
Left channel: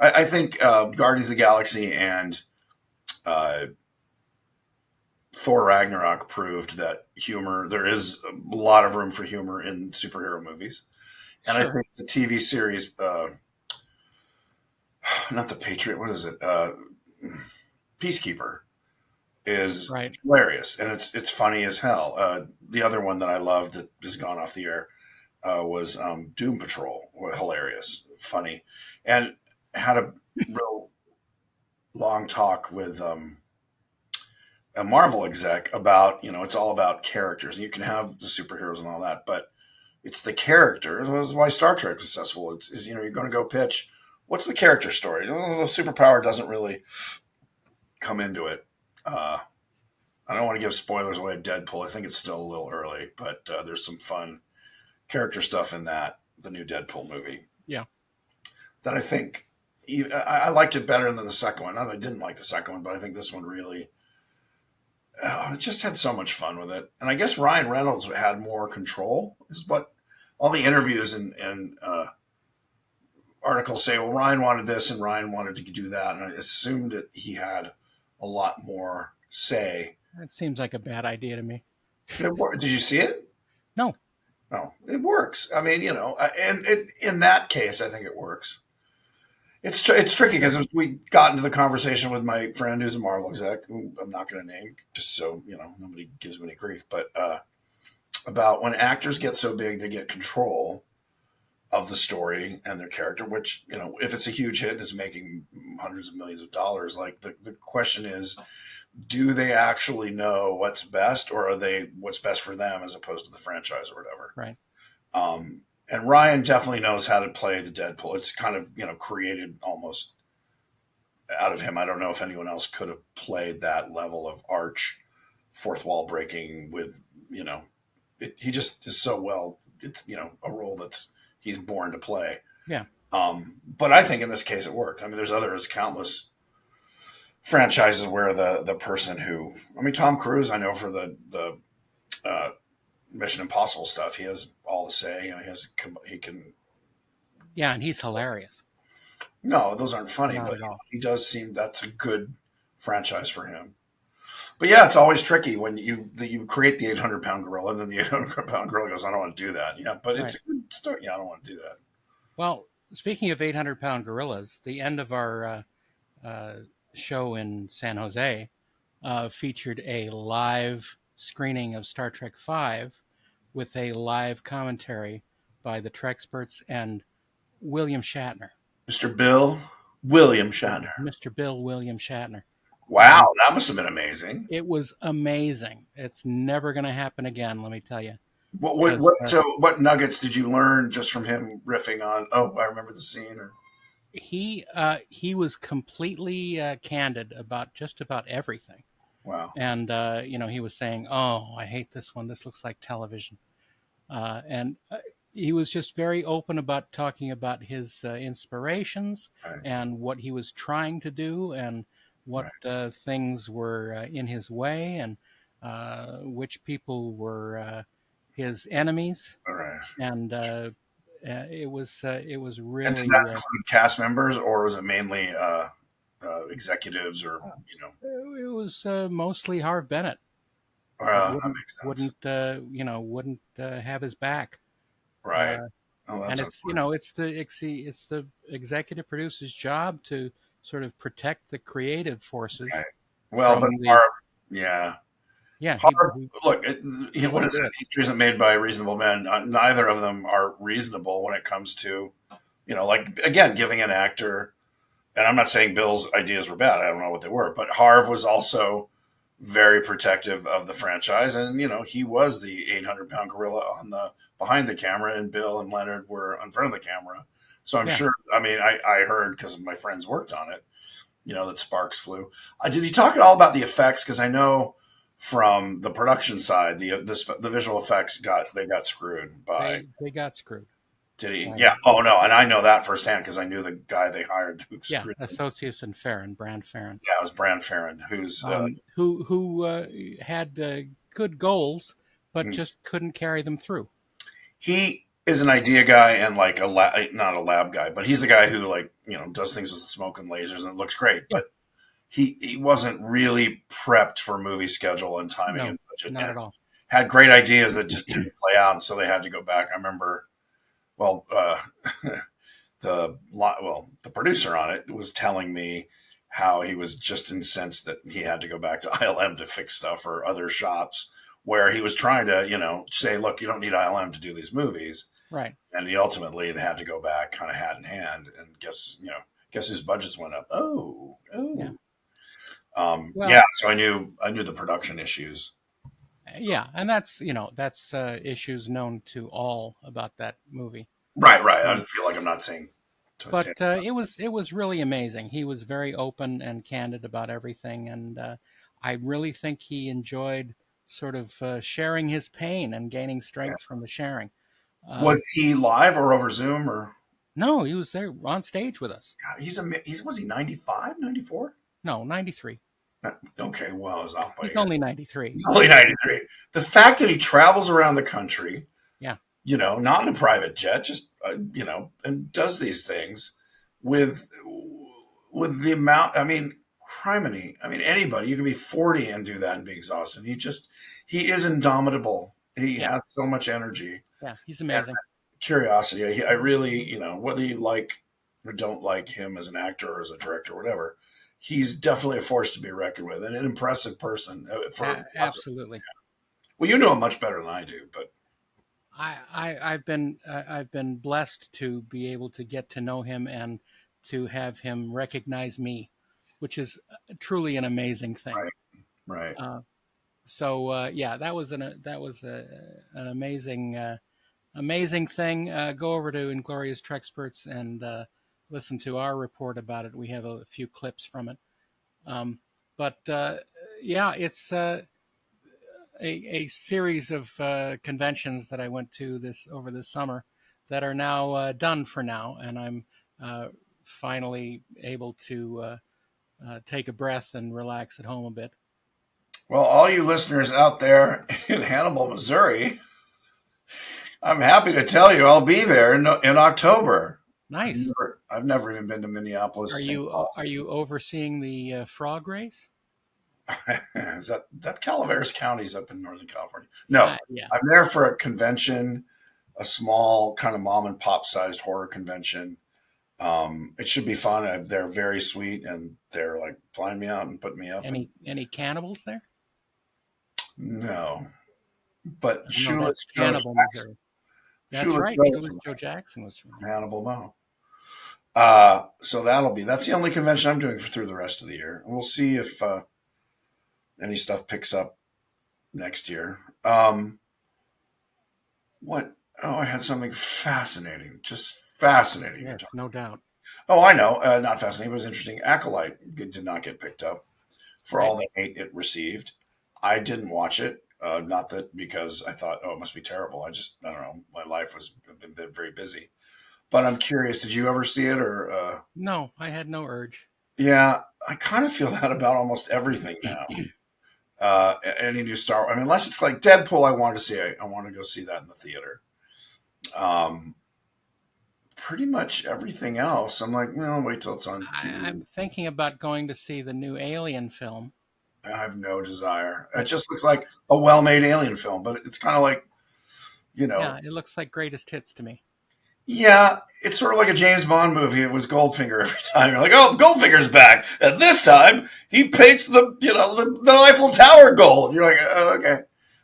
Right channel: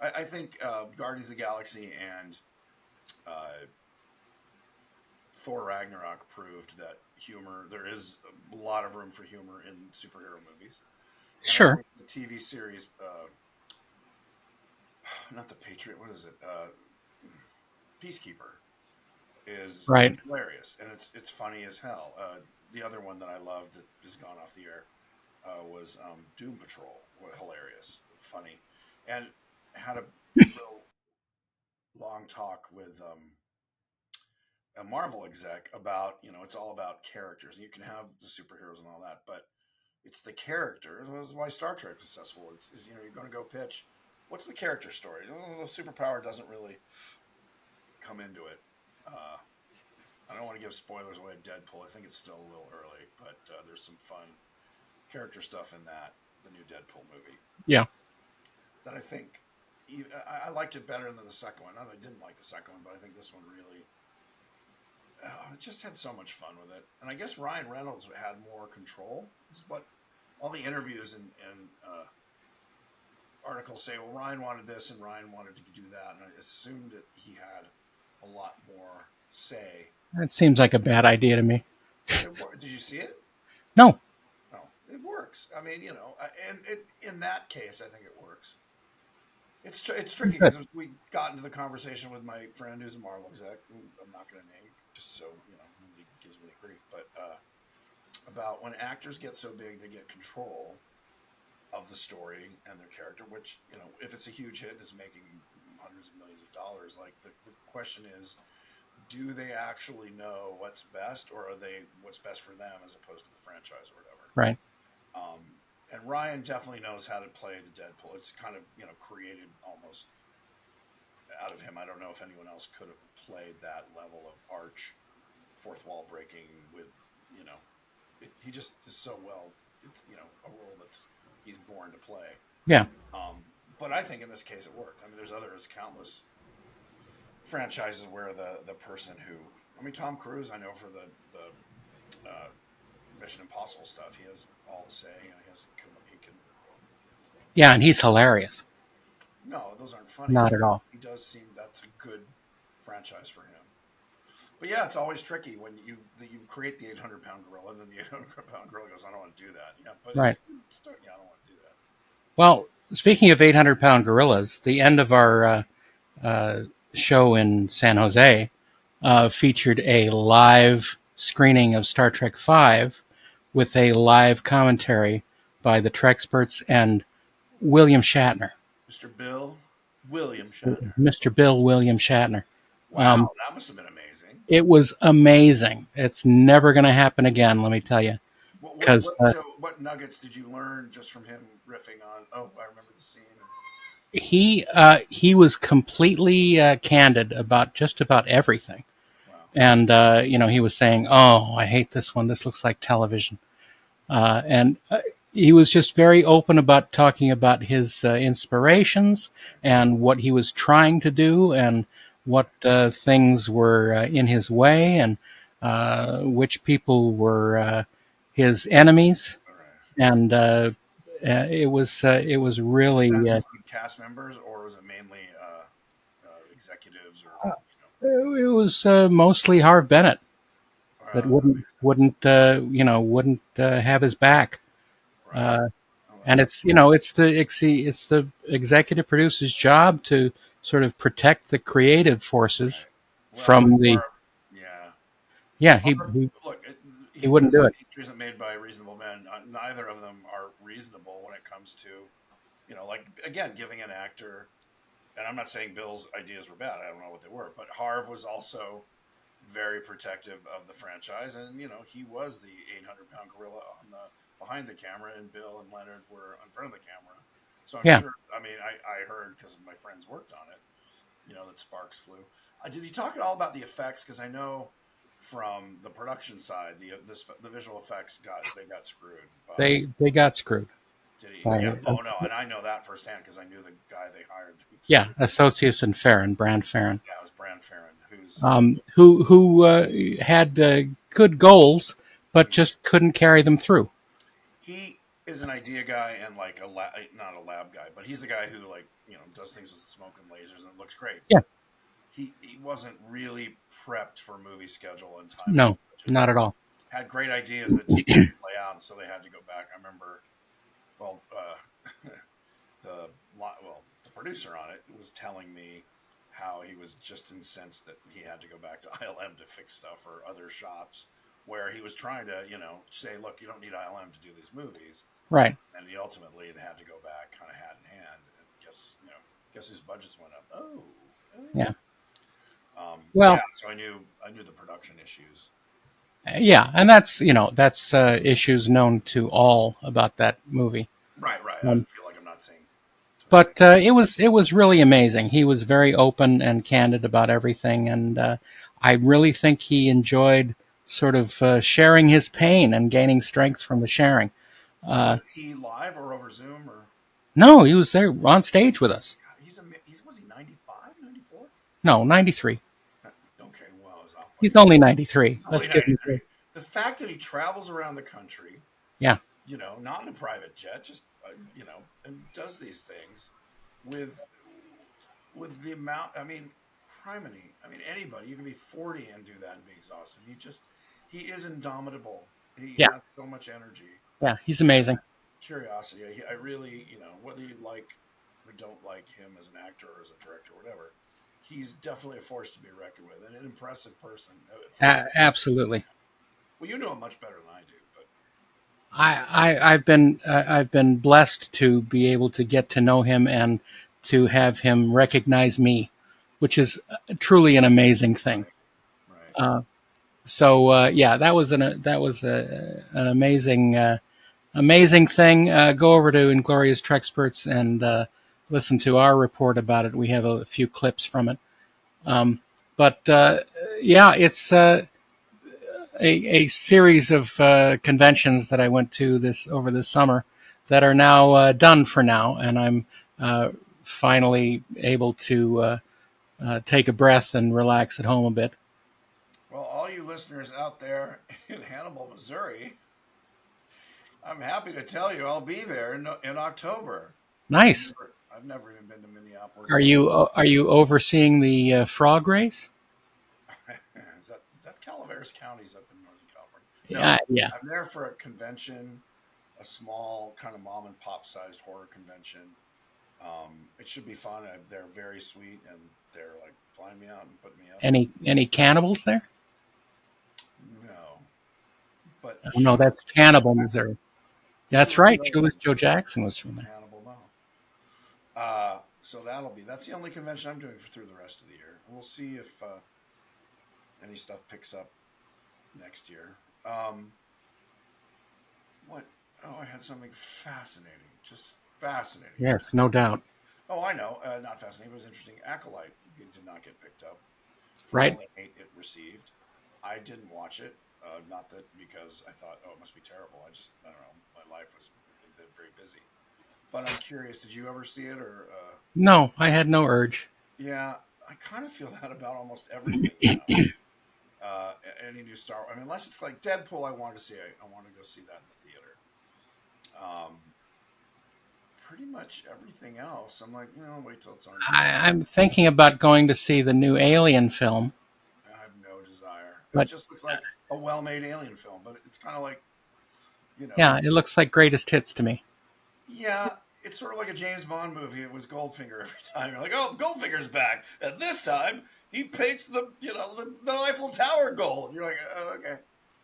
I think Guardians of the Galaxy and Thor Ragnarok proved that there is a lot of room for humor in superhero movies. And I Sure. think the TV series, not The Patriot, what is it? Peacekeeper is Right. hilarious, and it's funny as hell. The other one that I loved that has gone off the air was Doom Patrol. Hilarious, funny, and had a real long talk with a Marvel exec about it's all about characters, and you can have the superheroes and all that, but it's the character. That's why Star Trek is successful. It's you're going to go pitch. What's the character story? The superpower doesn't really come into it. I don't want to give spoilers away at Deadpool. I think it's still a little early, but there's some fun character stuff in the new Deadpool movie. Yeah. That I think I liked it better than the second one. Not that I didn't like the second one, but I think this one really just had so much fun with it. And I guess Ryan Reynolds had more control, is what all the interviews and articles say. Well, Ryan wanted this and Ryan wanted to do that, and I assumed that he had a lot more say. That seems like a bad idea to me. Did you see it? No. No, it works. I mean, and in that case, I think it works. It's tricky because we got into the conversation with my friend who's a Marvel exec, who I'm not going to name, just so nobody gives me any grief, but about when actors get so big, they get control of the story and their character. Which if it's a huge hit and it's making hundreds of millions of dollars, like the question is, do they actually know what's best, or are they what's best for them as opposed to the franchise or whatever? Right. And Ryan definitely knows how to play the Deadpool. It's kind of, created almost out of him. I don't know if anyone else could have played that level of arch, fourth wall breaking with, he just is so well. It's, a role he's born to play. Yeah. But I think in this case it worked. I mean, there's countless franchises where the person who, Tom Cruise, I know for the Mission Impossible stuff, he has all the say. He can. Yeah, and he's hilarious. No, those aren't funny. Not but at all. He does seem that's a good franchise for him. But yeah, it's always tricky when you create the 800-pound gorilla, and then the 800-pound gorilla goes, "I don't want to do that." Yeah, but Right. It's a good story. Yeah, I don't want to do that. Well, speaking of 800-pound gorillas, the end of our show in San Jose featured a live screening of Star Trek V with a live commentary by the Treksperts and William Shatner. Mr. Bill William Shatner. Mr. Bill William Shatner. Wow, that must have been amazing. It was amazing. It's never going to happen again, let me tell you. What nuggets did you learn just from him riffing on? Oh, I remember the scene. Or... He was completely candid about just about everything. Wow. And he was saying, "Oh, I hate this one. This looks like television." And he was just very open about talking about his inspirations Right. and what he was trying to do and what Right. things were in his way and which people were his enemies. All right. And it was And did that really include cast members, or was it mainly executives, or it was mostly Harv Bennett that that makes sense. wouldn't have his back. Right. Uh, Oh, and that's it's unfortunate. it's the executive producer's job to sort of protect the creative Right. forces Well, but from the Harv, yeah, yeah Harv. Look, he what wouldn't is do it? it. History isn't made by reasonable men. Neither of them are reasonable when it comes to, like again, giving an actor. And I'm not saying Bill's ideas were bad. I don't know what they were, but Harv was also very protective of the franchise, and he was the 800-pound gorilla on the behind the camera, and Bill and Leonard were in front of the camera. So I'm Yeah, sure. I mean, I heard because my friends worked on it. That sparks flew. Did you talk at all about the effects? Because I know from the production side, the visual effects got screwed by. they got screwed Did he? by Yeah. Oh no, and I know that firsthand because I knew the guy they hired who yeah screwed them. Associates and Farron Brand Farron, Yeah, it was Brand Farron, who's who had good goals but mm, just couldn't carry them through. he is an idea guy and like not a lab guy, but he's the guy who like does things with smoke and lasers and it looks great. Yeah, But he wasn't really prepped for movie schedule and timing no, and budget, not and at all. had great ideas that just didn't play out, and so they had to go back. I remember, well, the producer on it was telling me how he was just incensed that he had to go back to ILM to fix stuff or other shops where he was trying to say, look, you don't need ILM to do these movies, Right. and he ultimately had to go back kind of hat in hand, and guess whose budgets went up. Yeah. Yeah, Well, so I knew the production issues. yeah, and that's issues known to all about that movie. Right. I Um, feel like I'm not saying Titanic. but it was really amazing. He was very open and candid about everything, and I really think he enjoyed sort of sharing his pain and gaining strength from the sharing. Uh, Was he live or over Zoom or? no, he was there on stage with us. God, he's was he 95, 94? No, 93. Okay, well, I was off by a He's year. only 93. He's Let's only give him. 93. The fact that he travels around the country, Yeah, not in a private jet, just and does these things with the amount. I mean, criminy. I mean, anybody, you could be 40 and do that and be exhausted. He is indomitable. He yeah, has so much energy yeah. He's and amazing. curiosity. I really, whether you like or don't like him as an actor or as a director or whatever, he's definitely a force to be reckoned with and an impressive person for concept. Absolutely. Well, you know him much better than I do, but I've been blessed to be able to get to know him and to have him recognize me, which is truly an amazing thing. right, right. Yeah, that was an amazing amazing thing. Go over to Inglorious Trexperts and listen to our report about it. We have a few clips from it. But yeah, it's a series of conventions that I went to this over this summer that are now done for now, and I'm uh, finally able to take a breath and relax at home a bit. Well, all you listeners out there in Hannibal, Missouri, I'm happy to tell you I'll be there in October. Nice. I've never even been to Minneapolis. Are you overseeing the frog race? Is that Calaveras County's up in Northern California? No, Yeah. I'm there for a convention, a small kind of mom and pop sized horror convention. It should be fun. They're very sweet and they're like flying me out and putting me up. And Any cannibals there? no, but Oh, no, that's Shoeless Joe Cannibal, Jackson. Missouri. That's Shoeless right. Joe's Shoeless from Joe Jackson was from there. Hannibal Mo. So that's the only convention I'm doing through the rest of the year. We'll see if any stuff picks up next year. What? Oh, I had something fascinating, just fascinating to Yes, talk. no doubt. Oh, I know, not fascinating, but it was interesting. Acolyte did not get picked up for all Right? the hate it received. I didn't watch it, not that because I thought, oh, it must be terrible. I don't know. My life was been very busy. But I'm curious, did you ever see it or? No, I had no urge. Yeah, I kind of feel that about almost everything now. Any new Star Wars. I mean, unless it's like Deadpool, I want to see. I want to go see that in the theater. Um, Pretty much everything else, I'm like, wait till it's on TV. I'm thinking about going to see the new Alien film, I have no desire. It but just looks like a well-made alien film, but it's kind of like, you know, yeah, it looks like greatest hits to me. yeah, it's sort of like a James Bond movie. It was Goldfinger every time. You're like, oh, Goldfinger's back, and this time he paints the Eiffel Tower gold. You're like, oh, okay.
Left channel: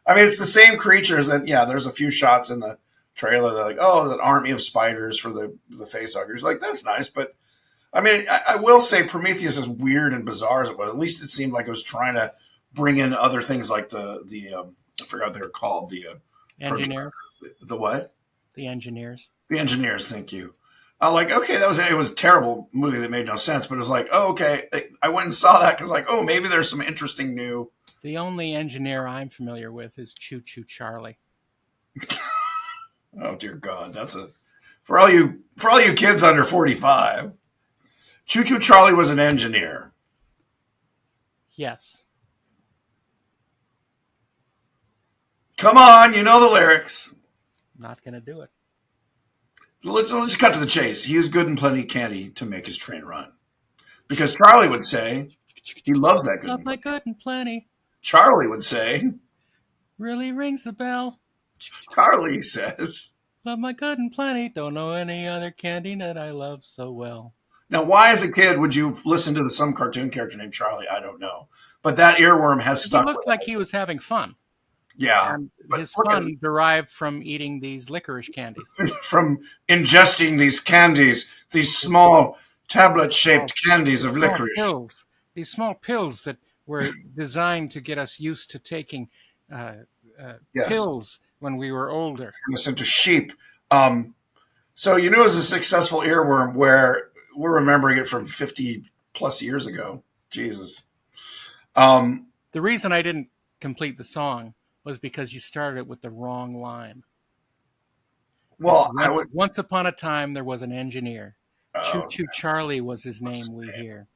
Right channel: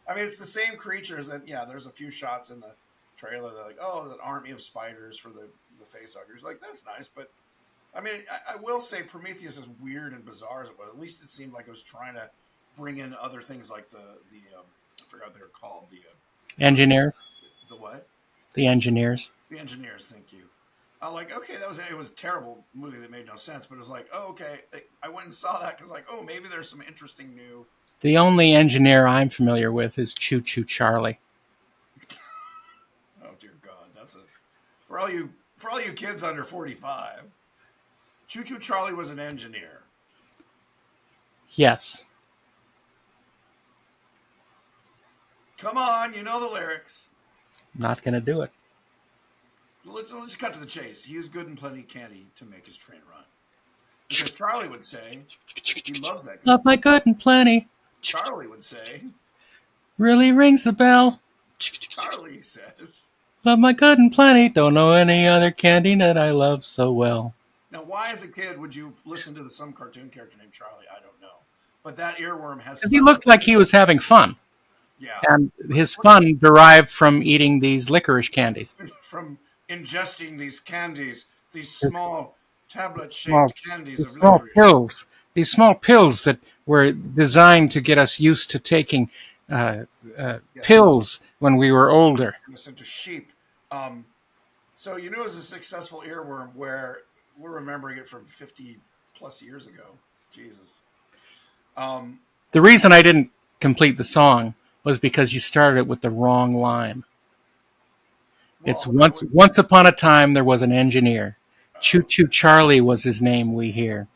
I mean, it's the same creatures, and yeah, there's a few shots in the trailer. They're like, oh, an army of spiders for the facehuggers. Like, that's nice, but I mean, I will say Prometheus, as weird and bizarre as it was, at least it seemed like it was trying to bring in other things like I forgot what they were called, first Engineers, the what? the engineers. The engineers. Thank you. I like, okay, it was a terrible movie that made no sense, but it was like, oh, okay, I went and saw that because like, oh, maybe there's some interesting new. The only engineer I'm familiar with is Choo Choo Charlie. Oh dear God, that's a for all you kids under 45. Choo Choo Charlie was an engineer. Yes, Come on, you know the lyrics. not going to do it. Let's cut to the chase. He used good and plenty candy to make his train run. Because Charlie would say he loves that Love good. my good and plenty. Charlie would say, Really rings the bell. Charlie says. Love my good and plenty. Don't know any other candy that I love so well. Now, why as a kid would you listen to some cartoon character named Charlie? I don't know. But that earworm has He stuck looked with like us. he was having fun. Yeah. And But his look at fun this. derived from eating these licorice candies. From ingesting these candies, these small tablet-shaped candies of Small licorice. pills. These small pills that were designed to get us used to taking Yes. pills when we were older. Turn us into sheep. So you knew it was a successful earworm where we're remembering it from 50 plus years ago. Jesus. The reason I didn't complete the song was because you started it with the wrong line. It's Well, I was. once upon a time there was an engineer. Choo Oh, Choo Charlie was his name, we hear.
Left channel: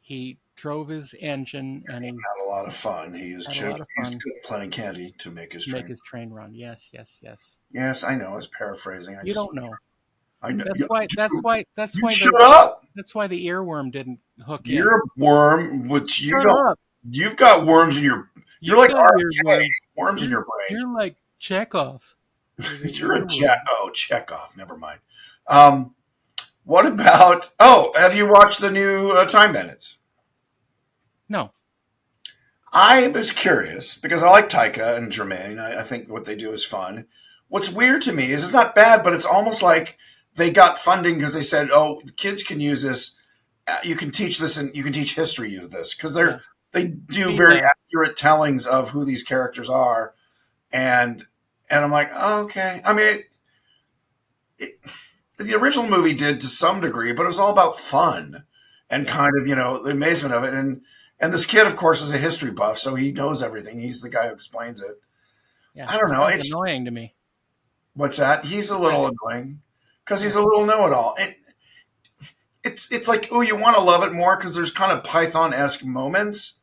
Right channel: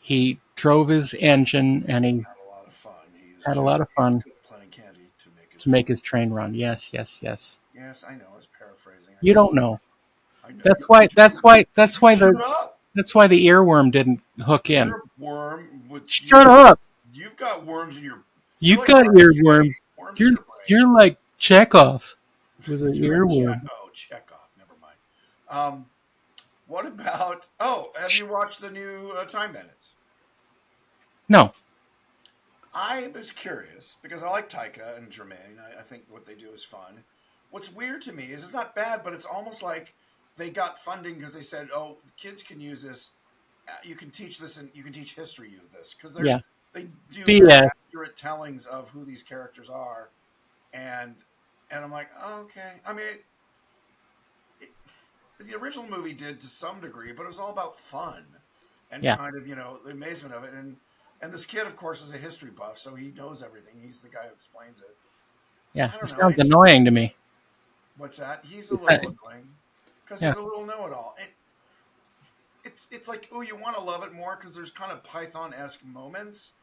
He drove his engine and he had a lot of fun. He used had a lot of fun good plenty candy to make his to make train. his train run. Yes, yes, yes. Yes, I know. I was paraphrasing. You don't know. I know. That's You- why. That's why. That's why Shut the. up. That's why the earworm didn't hook in. You're a worm. Which you Shut don't- up! You've got worms in your. You You're like got RFK, earworm. worms in your brain. You're like Chekhov. You're a Chekhov. Never mind. What about? Oh, have you watched the new Time Bandits? No. I was curious because I like Taika and Jermaine. I think what they do is fun. What's weird to me is it's not bad, but it's almost like they got funding because they said, "Oh, the kids can use this. You can teach this, and you can teach history use this," because Yeah. they do Be very less. accurate tellings of who these characters are, and I'm like, oh, okay. I mean, the original movie did to some degree, but it was all about fun and Yeah. kind of the amazement of it. And this kid, of course, is a history buff, so he knows everything. He's the guy who explains it. Yeah. I don't It know. sounds annoying to me. What's that? He's a little annoying because he's Yeah. a little know-it-all. It's like, oh, you want to love it more because there's kind of Python-esque moments,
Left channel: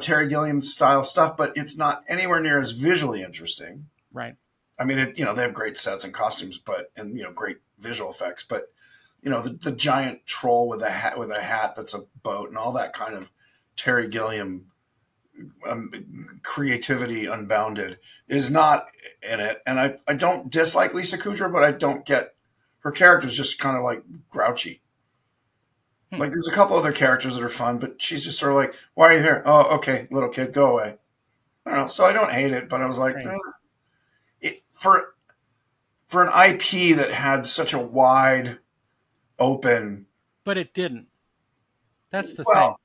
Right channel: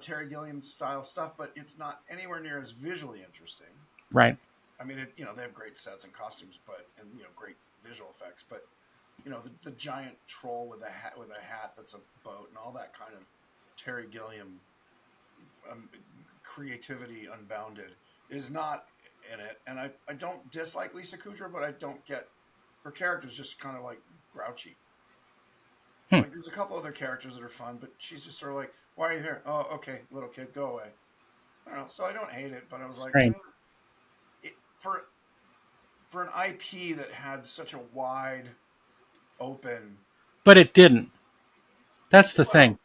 Terry Gilliam style stuff, but it's not anywhere near as visually interesting. Right. I mean, they have great sets and costumes, and great visual effects, but the giant troll with a hat that's a boat and all that kind of Terry Gilliam creativity unbounded is not in it. And I don't dislike Lisa Kudrow, but I don't get her character's just kind of like grouchy. Like there's a couple other characters that are fun, but she's just sort of like, why are you here? Oh, okay, little kid, go away. I don't know. So I don't hate it, but I was like, Right. For an IP that had such a wide open. But it didn't. That's the Well-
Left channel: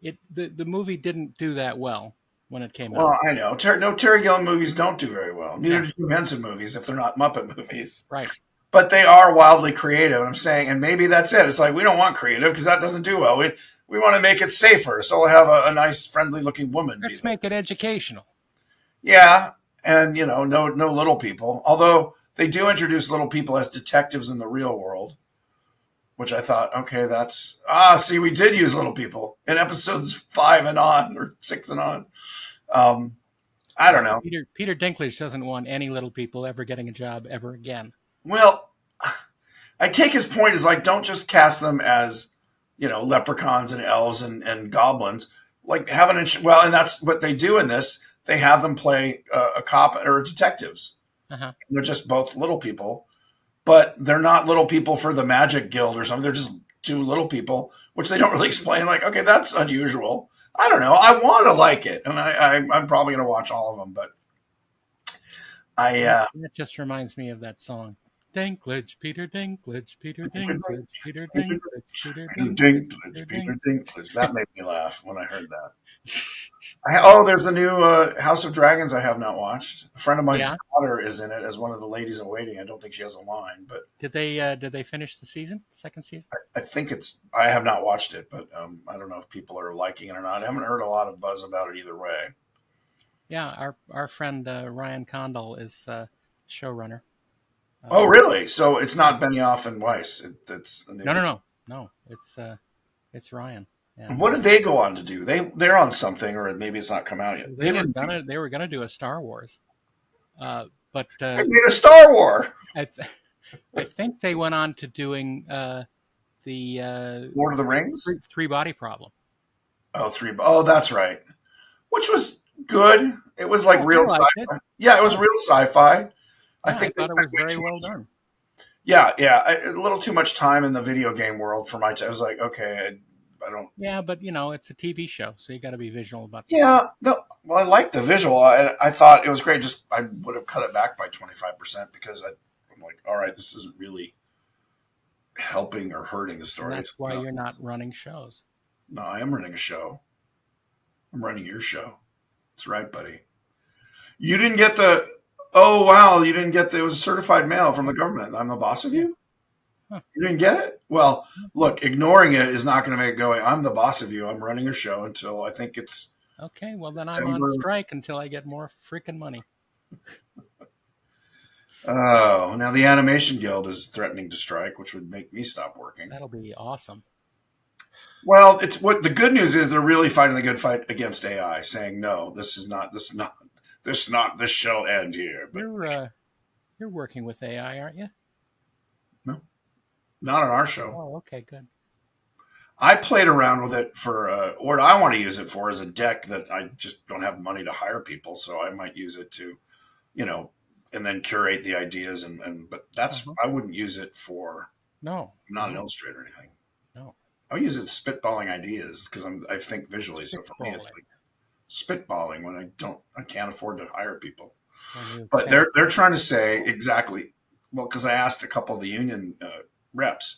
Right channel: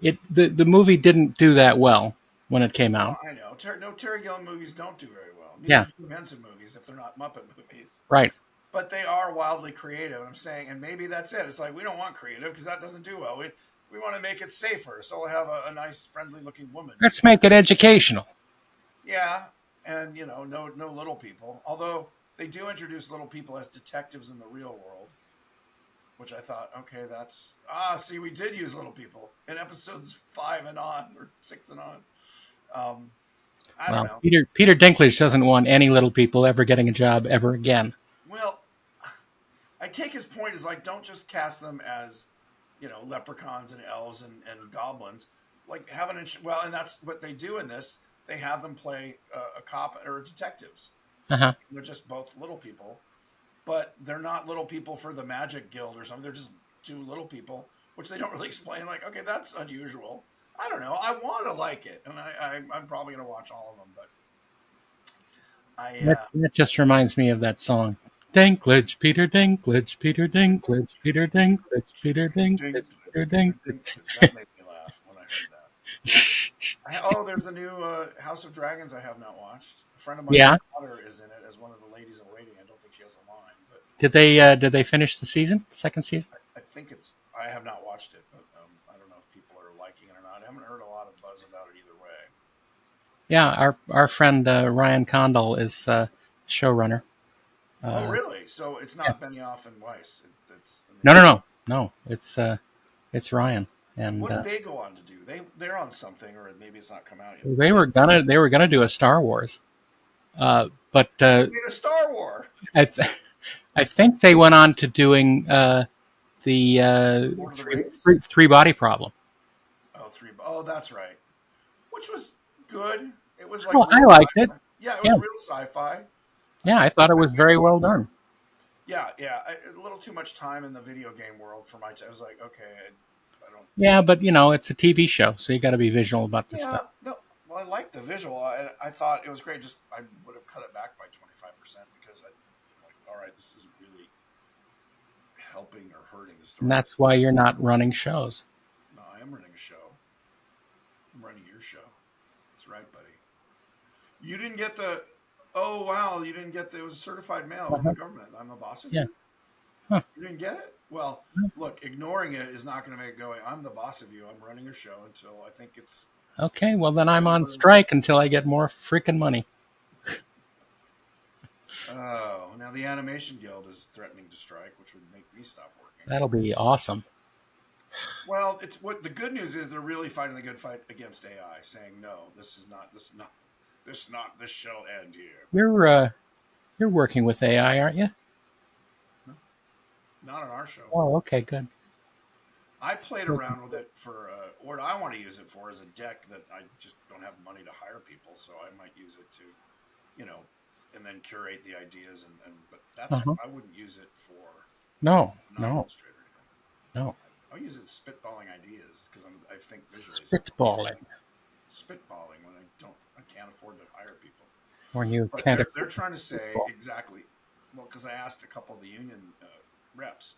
thing. The movie didn't do that well when it came out. Well, I know. Terry Gilliam movies don't do very well. Neither Yeah. do Jim Henson movies if they're not Muppet movies. Right. But they are wildly creative. I'm saying, and maybe that's it. It's like we don't want creative because that doesn't do well. We want to make it safer, so we'll have a nice, friendly-looking woman. Let's make it educational. Yeah, and no little people. Although they do introduce little people as detectives in the real world, which I thought, okay, that's see, we did use little people in episodes 5 and on, or 6 and on. Um, I don't Well, know. Peter Dinklage doesn't want any little people ever getting a job ever again. Well, I take his point is like, don't just cast them as, leprechauns and elves and goblins. Like well, and that's what they do in this. They have them play a cop or detectives. Uh-huh. They're just both little people, but they're not little people for the Magic Guild or something. They're just two little people, which they don't really explain. Like, okay, that's unusual. I don't know. I want to like it, and I'm probably going to watch all of them. But That just reminds me of that song. Dinklage, Peter Dinklage, Peter Dinklage, Peter Dinklage, Peter Dinklage, Peter Peter Dinklage. Dinklage. That made me laugh when I heard that. There's a new House of Dragons I have not watched. A friend of mine's Yeah. daughter is in it as one of the ladies in waiting. I don't think she has a line, but Did they finish the season? Second season? I think it's. I have not watched it, but I don't know if people are liking it or not. I haven't heard a lot of buzz about it either way. Yeah, our friend Ryan Condal is showrunner. Oh, Uh, really? So it's yeah. not Benioff and Weiss. It's a No, new. no, no, no. It's Ryan, What and did they go on to do? They're on something, or maybe it's not come out yet. they were gonna do a Star Wars, but They made a Star War. I I think they went on to doing the Lord of the Rings. three body problem. Oh, three. Oh, that's right. Which was good. It was like Oh, I real liked it. sci-fi. Yeah, it was Yeah, real sci-fi. I yeah. I think they thought it spent was way very too well much time. done. Yeah, yeah. A little too much time in the video game world for my time. I was like, okay, I don't. Yeah, but it's a TV show, so you got to be visual about the stuff. Yeah, no. Well, I liked the visual. I thought it was great. Just I would have cut it back by 25% because I'm like, all right, this isn't really helping or hurting the And story. that's why you're not running shows. No, I am running a show. I'm running your show. That's right, buddy. You didn't get the. Oh wow, you didn't get the. It was a certified mail from the government. I'm the boss of Yeah. you. Huh. You didn't get it. Well, look, ignoring it is not going to make it go. I'm the boss of you. I'm running a show until I think it's Okay, well then I'm on December. strike until I get more freaking money. Oh, now the Animation Guild is threatening to strike, which would make me stop working. That'll be awesome. Well, it's what the good news is. They're really fighting the good fight against AI, saying no, this shall end here. But You're working with AI, aren't you? no, not on our show. Oh, okay, good. I played around with it for what I want to use it for is a deck that I just don't have money to hire people, so I might use it to, and then curate the ideas but that's Uh-huh. I wouldn't use it for No, not an illustrator or anything. no. I'll use it spitballing ideas because I think visually. So for me, it's Spitballing like spitballing when I can't afford to hire people. when you But can't. they're trying to say exactly. Well, because I asked a couple of the union reps,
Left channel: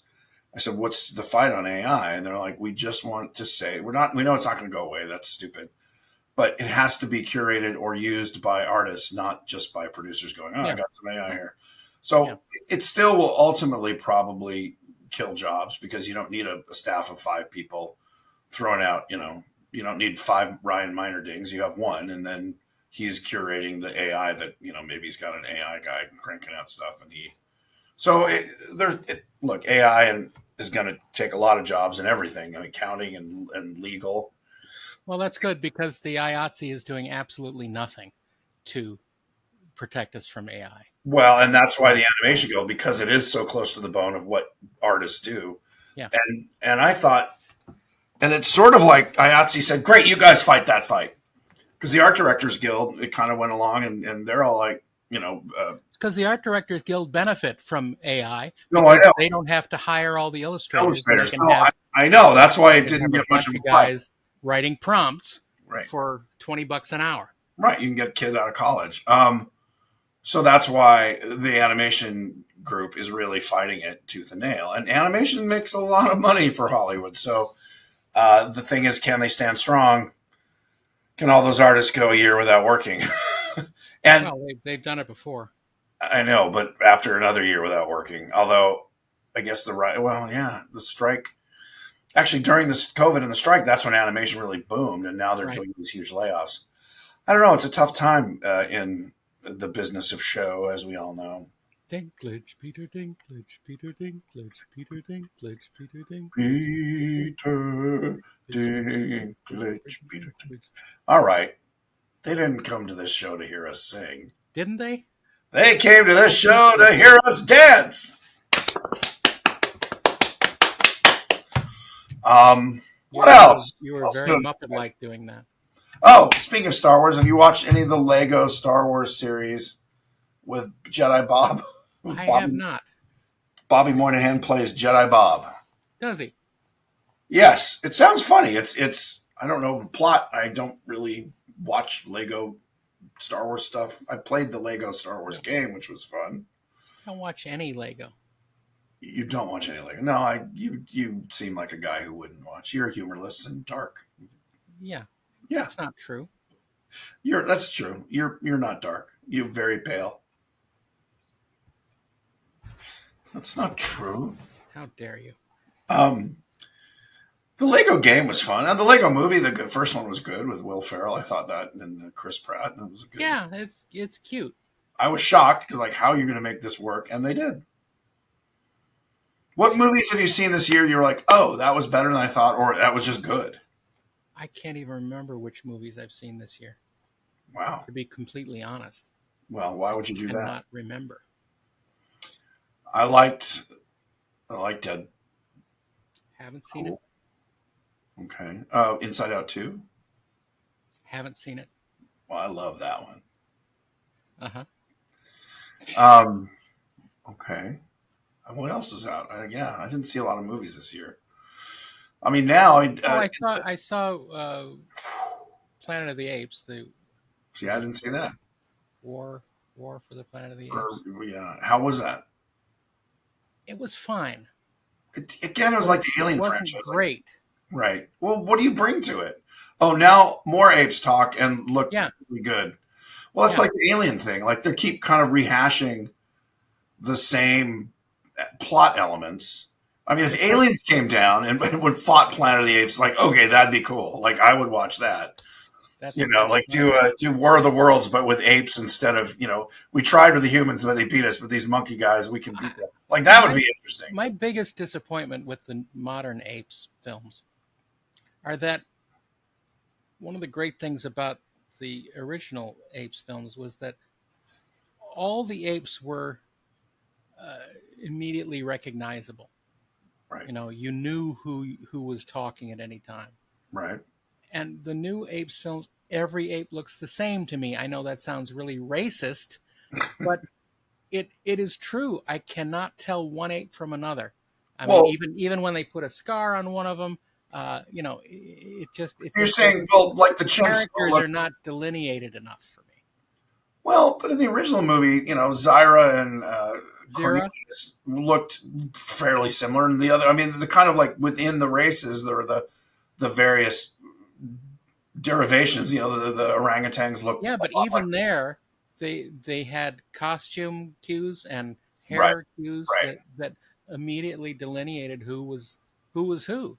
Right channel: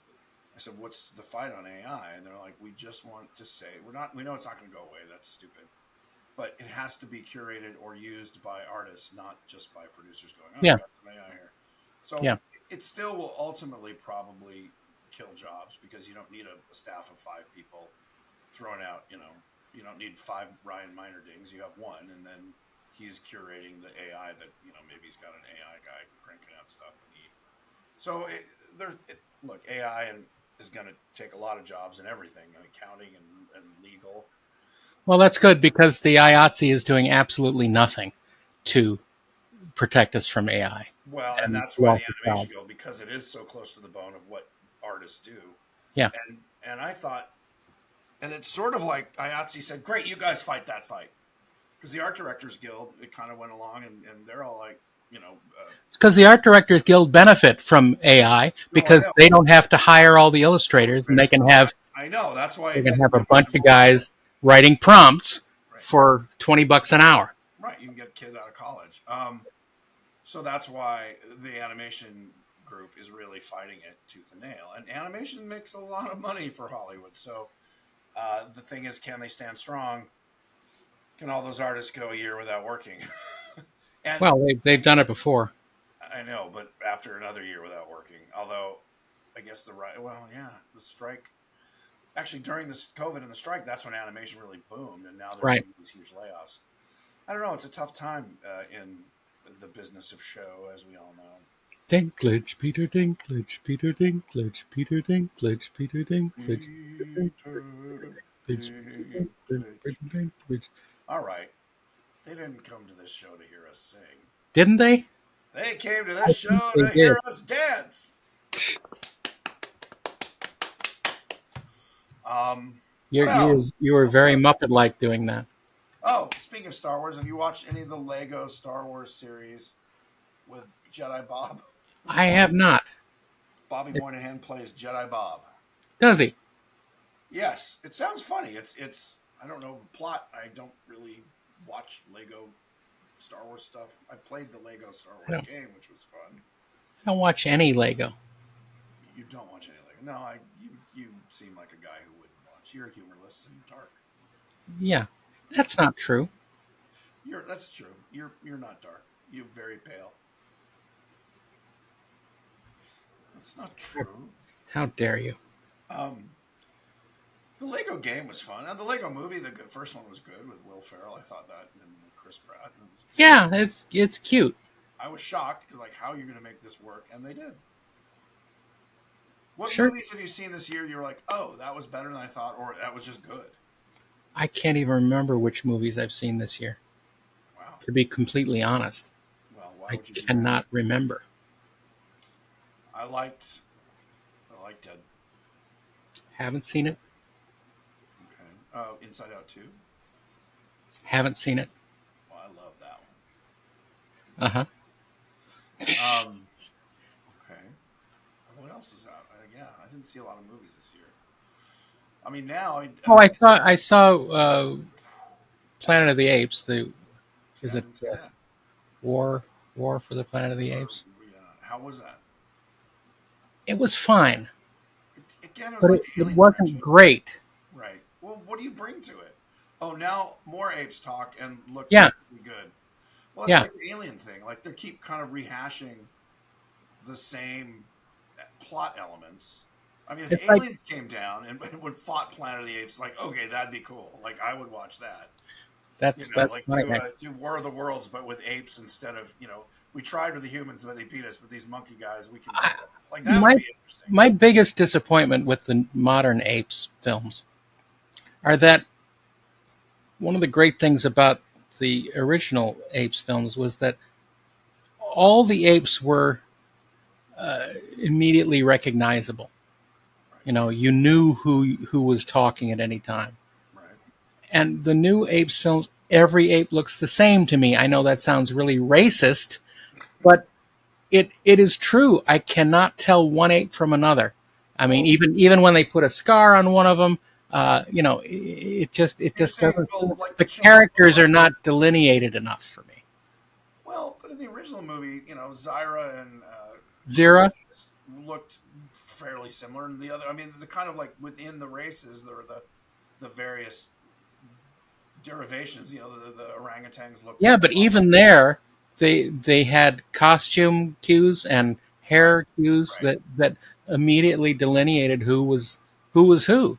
I said, "What's the fight on AI?" And they're like, "We just want to say we're not. We know it's not going to go away. That's stupid. But it has to be curated or used by artists, not just by producers going, oh, Yeah, I've got some AI here." So yeah, it still will ultimately probably kill jobs because you don't need a staff of 5 people throwing out, you don't need 5 Ryan Minerdings. You have one, and then he's curating the AI that, maybe he's got an AI guy cranking out stuff. Look, AI is going to take a lot of jobs and everything, accounting and legal. well, that's good because the IATSE is doing absolutely nothing to protect us from AI. Well, and And that's why won't the be animation guild, because it is so close to the bone of what artists do. Yeah. And I thought, and it's sort of like IATSE said, great, you guys fight that fight. Because the Art Directors Guild, it kind of went along and they're all like, It's because the Art Directors Guild benefit from AI no, I because know. they don't have to hire all the illustrators, and they can No, have I know. That's why they it can didn't have a get much bunch of of a pop. guys writing prompts Right. for $20 an hour. Right. You can get a kid out of college. So that's why the animation group is really fighting it tooth and nail. And animation makes a lot of money for Hollywood. So the thing is, can they stand strong? Can all those artists go a year without working? And Well, they've done it before. I know, but after another year without working, although I guess the strike. Actually, during this COVID and the strike, that's when animation really boomed, and now they're Right. doing these huge layoffs. I don't know. It's a tough time in the business of show, as we all know. Dinklage, Peter Dinklage, Peter Dinklage, Peter Dinklage, Peter Dinklage, Peter Peter Dinklage. Peter. Dinklage. All right. They didn't come to this show to hear us sing. Didn't they? They came to I this think show they to did. hear us dance. What else? You were What else very goes? Muppet-like doing that. Oh, speaking of Star Wars, have you watched any of the Lego Star Wars series with Jedi Bob? I have Bobby not. Bobby Moynihan plays Jedi Bob. Does he? Yes, it sounds funny. It's I don't know the plot. I don't really watch Lego Star Wars stuff. I played the Lego Star Wars No, game, which was fun. I don't watch any Lego. You don't watch any Lego. No, you seem like a guy who wouldn't watch. You're humorless and dark. Yeah, Yeah, that's not true. that's true. You're not dark. You're very pale. That's not true. How dare you? Um, the Lego game was fun. And the Lego movie, the first one was good with Will Ferrell. I thought that, and Chris Pratt. And it was good. Yeah, it's cute. I was shocked because like, how are you going to make this work? And they did. What Sure. movies have you seen this year? You were like, oh, that was better than I thought, or that was just good. I can't even remember which movies I've seen this year. Wow. To be completely honest, Well, why I would you do that? cannot remember. I liked Dead. Haven't seen it. Okay. Inside Out 2. Haven't seen it. Well, I love that one. Uh Okay. What else is out? Yeah, I didn't see a lot of movies this year. I mean, now. Oh, I saw Planet of the Apes. See, Is I it didn't see that. War for the Planet of the Or, Apes? yeah, how was that? It was fine, Again, it was but like it the Alien wasn't franchise. great. Right. Well, what do you bring to it? Oh, now more apes talk and look Yeah, really good. Well, it's yeah. like the Alien thing. Like they keep kind of rehashing the same plot elements. I mean, if It's like aliens came down and would fought Planet of the Apes, like okay, that'd be cool. Like I would watch that. that's Like right, man. do War of the Worlds, but with apes instead of we tried with the humans, but they beat us. But these monkey guys, we can I, beat them. Like that would my be interesting. my biggest disappointment with the modern Apes films are that one of the great things about the original Apes films was that all the apes were immediately recognizable. Right. You knew who was talking at any time. Right. And the new Apes films, every ape looks the same to me. I know that sounds really racist, but it is true. I cannot tell one ape from another. I mean, Well, even when they put a scar on one of them, it you're just saying, doesn't. well, like the The chimps. characters are not delineated enough for me. Well, but in the original movie, Zyra and Zira, Prometheus looked fairly similar. And the other, I mean, the kind of like within the races, there are the various derivations. The orangutans look yeah, a but lot like even there, they had costume cues and right, hair cues right, that immediately delineated who was who.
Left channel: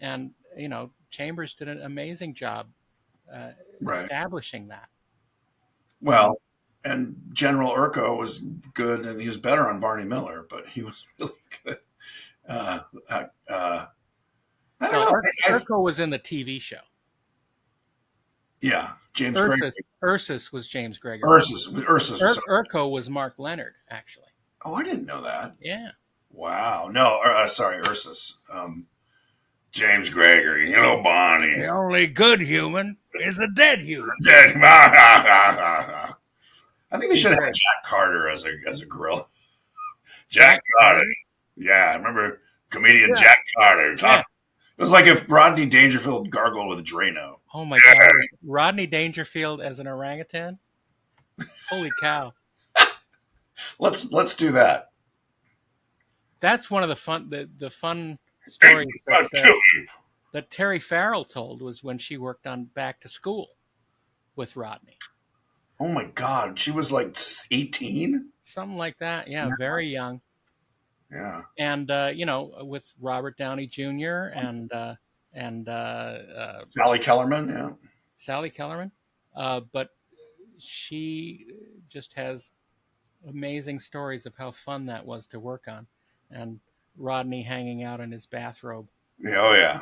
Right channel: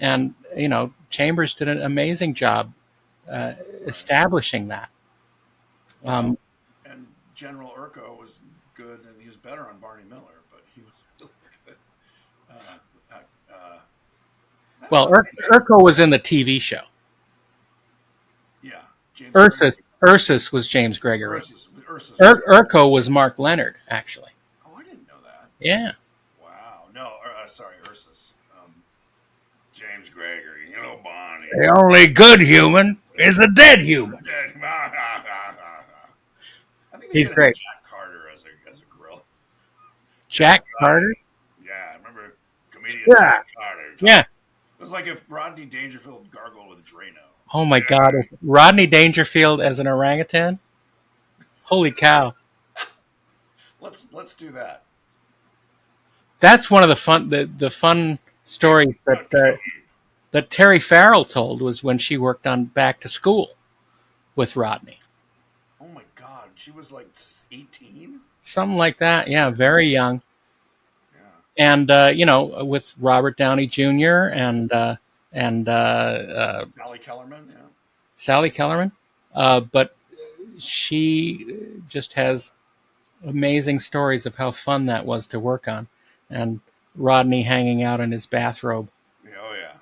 And Chambers did an amazing job right. establishing that. Um, Well, and General Urko was good, and he was better on Barney Miller, but he was really good. Uh, uh, uh, I don't well, know. Urkel was in the TV show. Yeah, James Gregory. Ursus was James Gregory. Ursus was sorry. Urko was Mark Leonard, actually. Oh, I didn't know that. Yeah. Wow. No, sorry, Ursus. James Gregory. Bonnie. The only good human is a dead human. I think they He's should have great. Jack Carter as a grill. Jack Carter? Yeah, I remember comedian Yeah. Jack Carter. Yeah. It was like if Rodney Dangerfield gargled with Drano. Oh my God. Rodney Dangerfield as an orangutan? Holy cow. Let's do that. That's one of the fun stories that Terry Farrell told was when she worked on Back to School with Rodney. Oh my God, she was like 18. Something like that. Yeah, very young. Yeah. And with Robert Downey Jr. and Sally Kellerman. Yeah. Sally Kellerman, but she just has amazing stories of how fun that was to work on, and Rodney hanging out in his bathrobe. Oh yeah,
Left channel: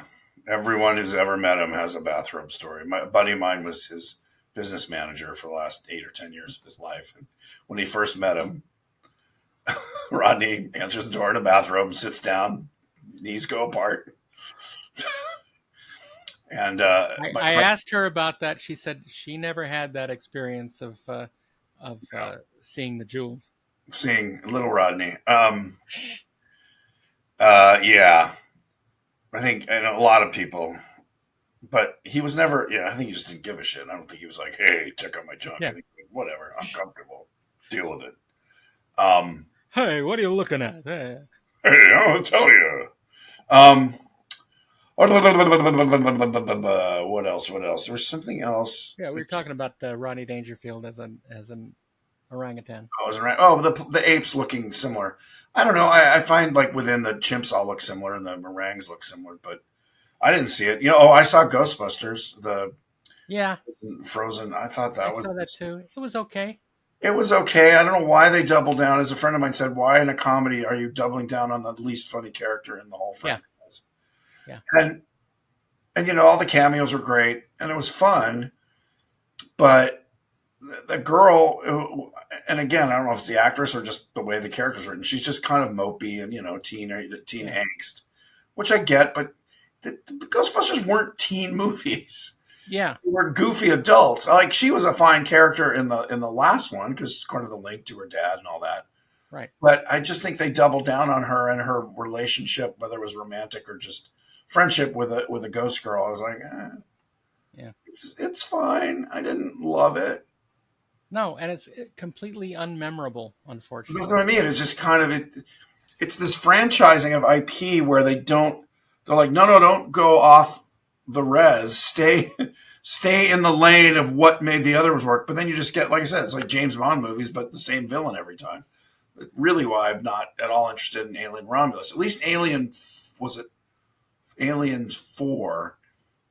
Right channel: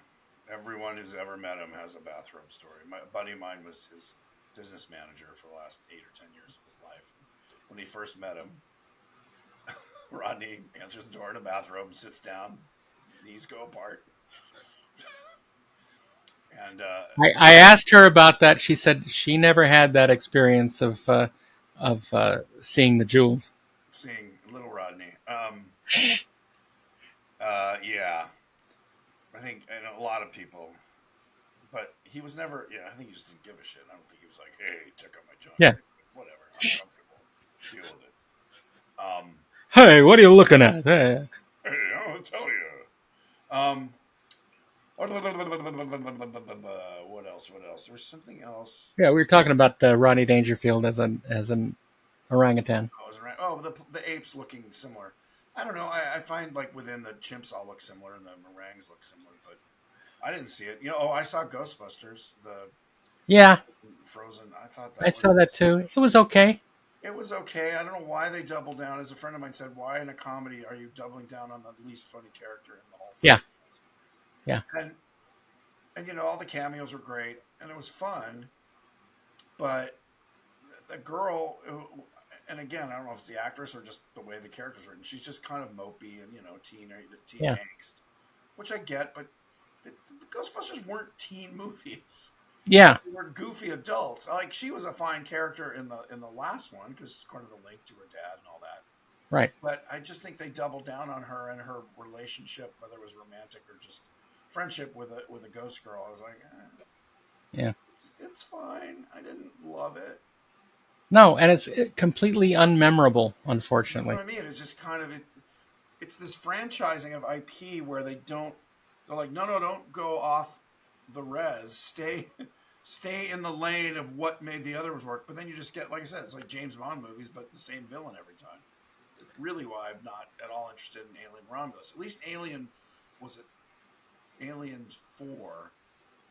everyone who's ever met him has a bathrobe story. My a buddy of mine was his business manager for the last 8 or 10 years of his life. And when he first met him, Rodney answers the door in a bathrobe, sits down, knees go apart, and I asked her about that. She said she never had that experience of seeing the jewels. seeing little Rodney. Yeah, I think, and a lot of people, but he was never. Yeah, I think he just didn't give a shit. I don't think he was like, "Hey, check out my junk." I Yeah. think whatever, I'm comfortable. Deal with it. Um, Hey, what are you looking at? Hey. hey, I'll tell you. Um, what else? What else? There was something else. Yeah, we were talking about Rodney Dangerfield as an orangutan. I was around. Oh, the apes looking similar. I don't know. I find like within the chimps all look similar and the meringues look similar, but I didn't see it. Oh, I saw Ghostbusters, the Yeah, Frozen. I thought I that saw was that too. It was okay. it was okay. I don't know why they doubled down. As a friend of mine said, why in a comedy are you doubling down on the least funny character in the whole Yeah, franchise? yeah, And all the cameos were great and it was fun, but the girl, and again, I don't know if it's the actress or just the way the character's written. She's just kind of mopey and teen yeah, angst, which I get. But the Ghostbusters weren't teen movies; yeah. they were goofy adults. Like she was a fine character in the last one because kind of the link to her dad and all that. Right. But I just think they doubled down on her and her relationship, whether it was romantic or just friendship with a ghost girl. I was like, Yeah. it's fine. I didn't love it. No, and it's completely unmemorable, That's what unfortunately. I mean. It's just kind of it. It's this franchising of IP where they don't. They're like, no, no, don't go off the res. Stay in the lane of what made the others work. But then you just get, like I said, it's like James Bond movies, but the same villain every time. Really, why I'm not at all interested in Alien Romulus. At least Alien was it Aliens 4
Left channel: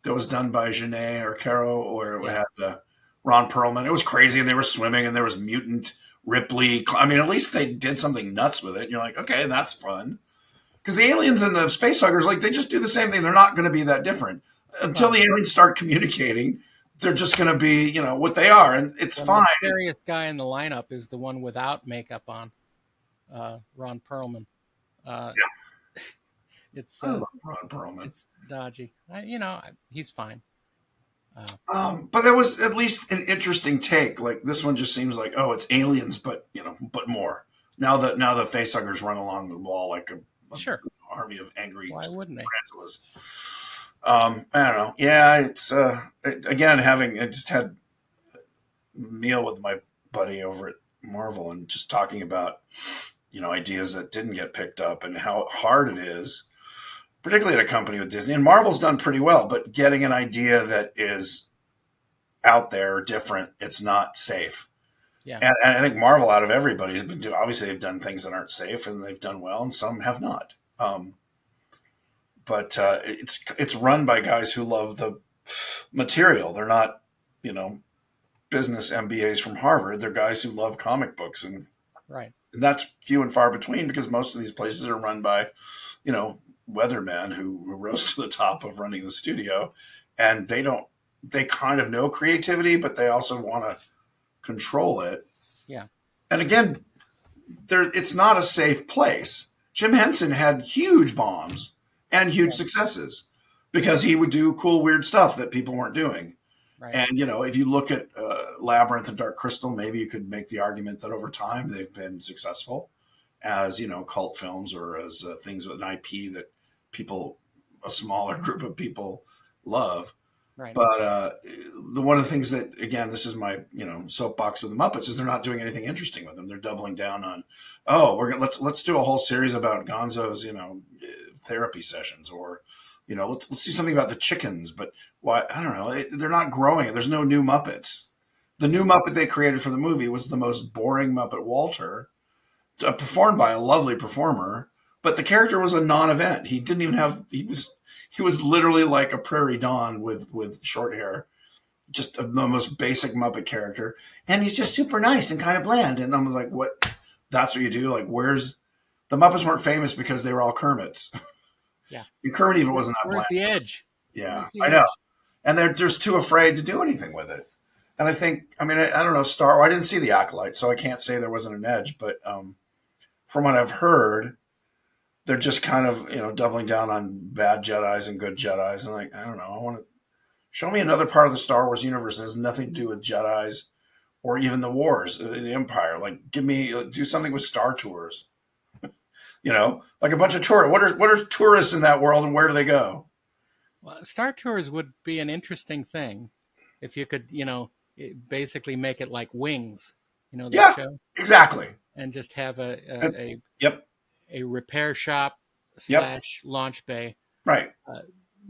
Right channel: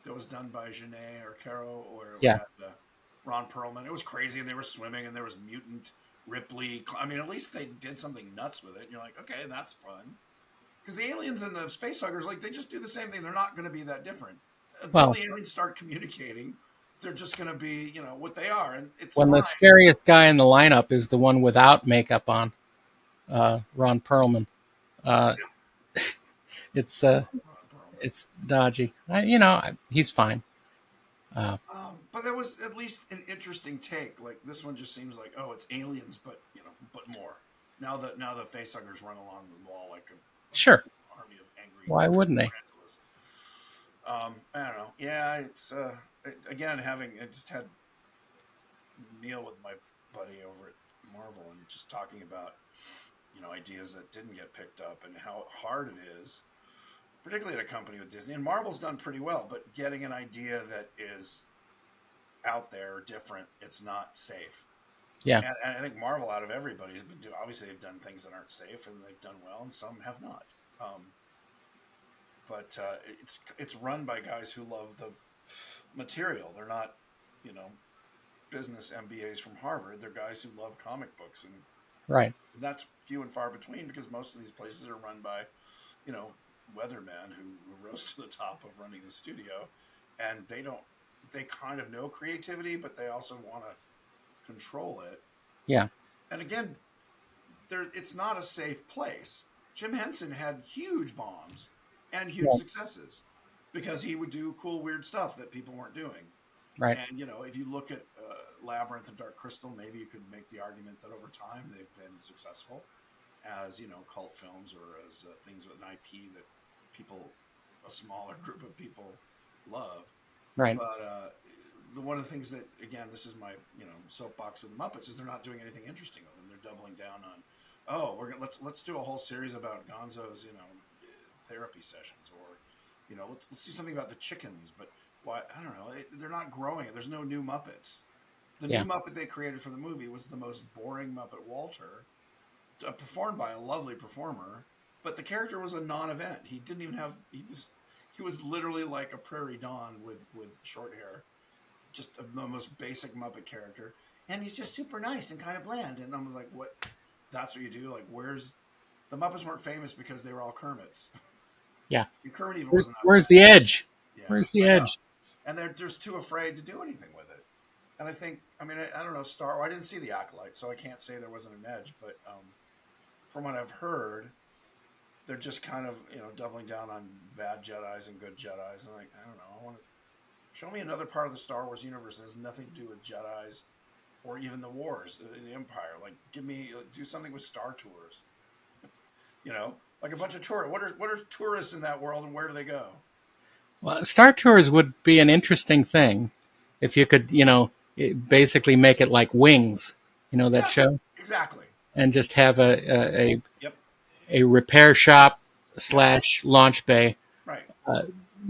that was done by Genet or Caro, or it Yeah. had Ron Perlman. It was crazy, and they were swimming, and there was mutant Ripley. I mean, at least they did something nuts with it. And you're like, okay, that's fun. Because the aliens and the space huggers, like, they just do the same thing. They're not going to be that different until Well, the aliens start communicating. They're just going to be, what they are, and it's when the fine. scariest guy in the lineup is the one without makeup on, Ron Perlman. Uh, it's I uh, love Ron Perlman. it's dodgy. He's fine. Uh, But it was at least an interesting take. Like this one just seems like, oh, it's aliens, but but more. Now the facehuggers run along the wall like a sure. army of angry Why wouldn't they? tarantulas. I don't know. Yeah, it's again having I just had a meal with my buddy over at Marvel and just talking about ideas that didn't get picked up and how hard it is, particularly at a company with Disney. And Marvel's done pretty well, but getting an idea that is out there different, it's not safe. Yeah. And I think Marvel, out of everybody, has been doing. Obviously, they've done things that aren't safe, and they've done well, and some have not. But it's run by guys who love the material. They're not, you know, business MBAs from Harvard. They're guys who love comic books, Right. and that's few and far between because most of these places are run by, you know, weathermen who rose to the top of running the studio, and they don't. They kind of know creativity, but they also want to control it. Yeah. And again, it's not a safe place. Jim Henson had huge bombs and huge Yeah. successes because he would do cool, weird stuff that people weren't doing. Right. And if you look at Labyrinth and Dark Crystal, maybe you could make the argument that over time they've been successful as cult films or as things with an IP that a smaller group of people love. Right. But one of the things that, again, this is my soapbox with the Muppets, is they're not doing anything interesting with them. They're doubling down on, oh, we're gonna let's do a whole series about Gonzo's therapy sessions, or let's do something about the chickens. But why? I don't know. They're not growing it. There's no new Muppets. The new Yeah. Muppet they created for the movie was the most boring Muppet, Walter, performed by a lovely performer, but the character was a non-event. He didn't even have. He was literally like a prairie dawn with short hair, just the most basic Muppet character, and he's just super nice and kind of bland. And I was like, what? That's what you do. Like, where's the Muppets weren't famous because they were all Kermits. Yeah. And Kermit even wasn't that Where's bland. the edge? Yeah, Where's the I know. edge? And they're just too afraid to do anything with it. And I think, I mean, I don't know, Star. I didn't see the Acolyte, so I can't say there wasn't an edge. But from what I've heard, they're just kind of doubling down on bad Jedi's and good Jedi's. And like, I don't know. I want to show me another part of the Star Wars universe that has nothing to do with Jedi's or even the wars, the Empire. Like, give me do something with Star Tours. Like a bunch of tourists. What are tourists in that world, and where do they go? Well, Star Tours would be an interesting thing if you could, basically make it like Wings, that Yeah, show, exactly. and just have It's yep, a repair shop yep, / launch bay right,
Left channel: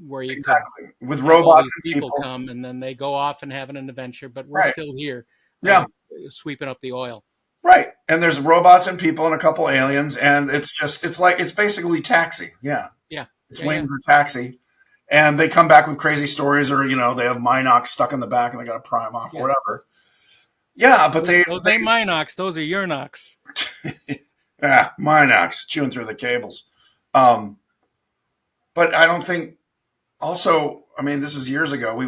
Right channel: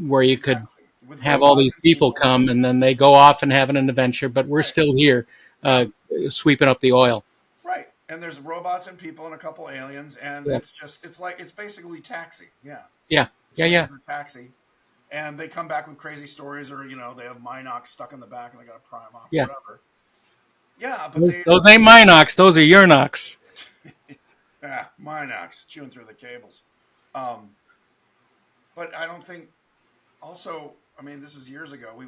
where you could exactly. With have all robots these and people people, come and then they go off and have an adventure, but we're right? still here Yeah, uh, sweeping up the oil. right. And there's robots and people and a couple aliens, and Yeah, it's basically Taxi. Yeah, yeah, it's yeah, yeah, Wings or Taxi, and they come back with crazy stories, or they have Minox stuck in the back and they got to pry him off or yeah. whatever. Yeah, but Those ain't my knocks; those are your knocks. yeah, Minox chewing through the cables. Um, but I don't think. Also, I mean, this was years ago. We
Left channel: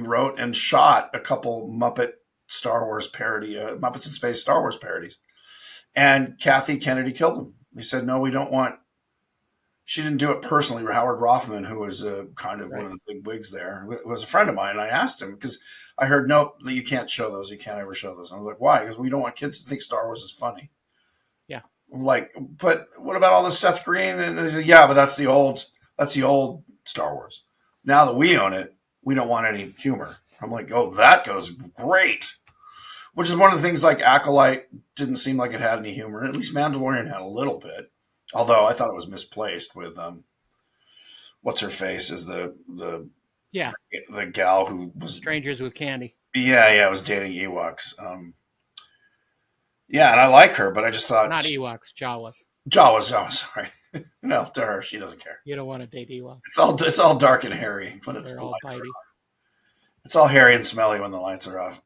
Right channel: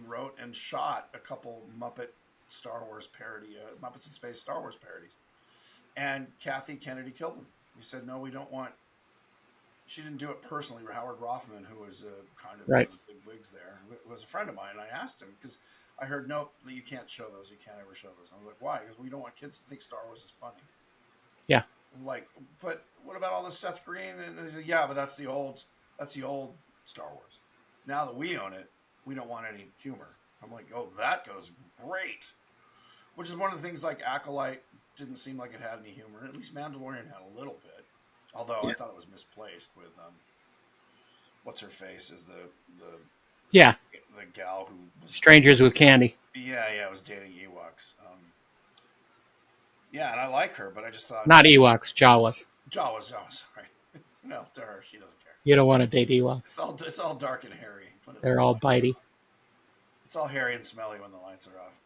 wrote and shot a couple Muppet Star Wars parody, Muppets in Space Star Wars parodies, and Kathy Kennedy killed them. We said no, we don't want. She didn't do it personally. Howard Rothman, who was kind of one Right. of the big wigs there, was a friend of mine. And I asked him because I heard, nope, you can't show those. You can't ever show those. And I was like, why? Because we don't want kids to think Star Wars is funny. Yeah. I'm like, but what about all this Seth Green? And they said, yeah, but that's the old Star Wars. Now that we own it, we don't want any humor. I'm like, oh, that goes great. Which is one of the things like Acolyte didn't seem like it had any humor. At least Mandalorian had a little bit. Although I Yeah. thought it was misplaced with what's her face is Yeah. the gal who was Strangers with candy. yeah was dating Ewoks. Yeah, and I like her, but I just thought Not Ewoks, Jawas. Jawas. Sorry, no, to her she doesn't care. You don't want to date Ewoks. It's all dark and hairy when They're the all lights are bitey. off. It's all hairy and smelly when the lights are off.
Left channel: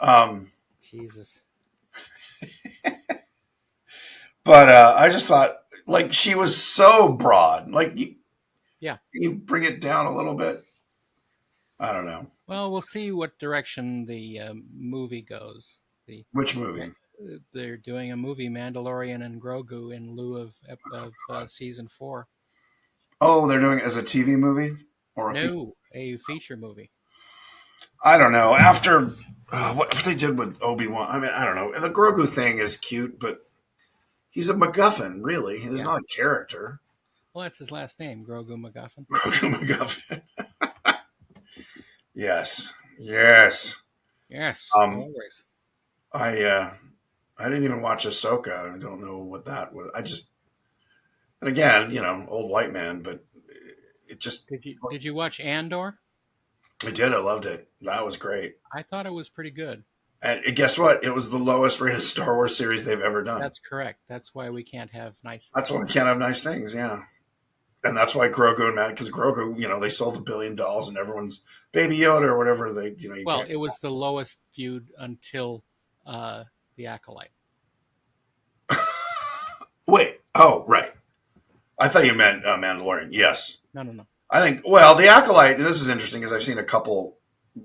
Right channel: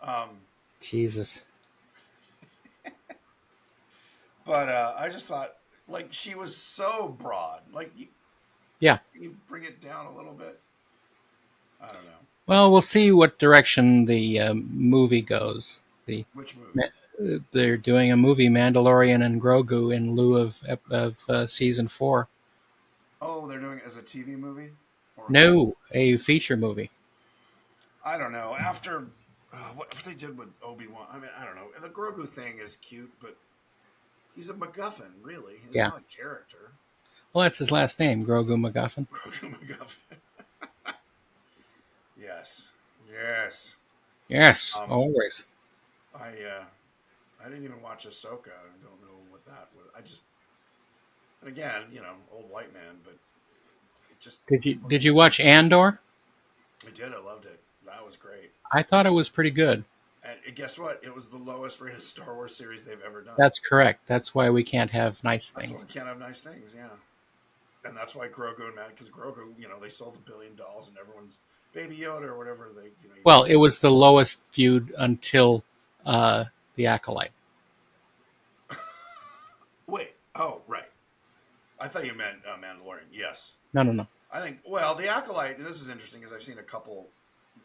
Jesus. But I just thought like she was so broad. Like Yeah. you bring it down a little bit. I don't know Well, we'll see what direction the movie goes. which movie. They're doing a movie, Mandalorian and Grogu, in lieu of season 4. Oh, they're doing it as a TV movie or a feature. No, a feature movie. I don't know. After what they did with Obi-Wan, I mean, I don't know. The Grogu thing is cute, but he's a MacGuffin, really. He's Yeah. not a character. Well, that's his last name, Grogu MacGuffin. Grogu MacGuffin. Yes, yes. Yes, Um, always. I didn't even watch Ahsoka. I don't know what that was. And again, old white man, but it just, Did you watch Andor? I did. I loved it. That was great. I thought it was pretty good. And guess what? It was the lowest rated Star Wars series they've ever done. That's correct. That's why we can't have nice That's why things. we can't have nice things. Yeah. And that's why Grogu and Matt, because Grogu, they sold $1 billion and everyone's Baby Yoda or whatever you Well, can't. it was the lowest viewed until the Acolyte. Wait. Oh, right. I thought you meant Mandalorian. Yes. No, no, no. I think, well, The Acolyte, and this is interesting because I've seen a couple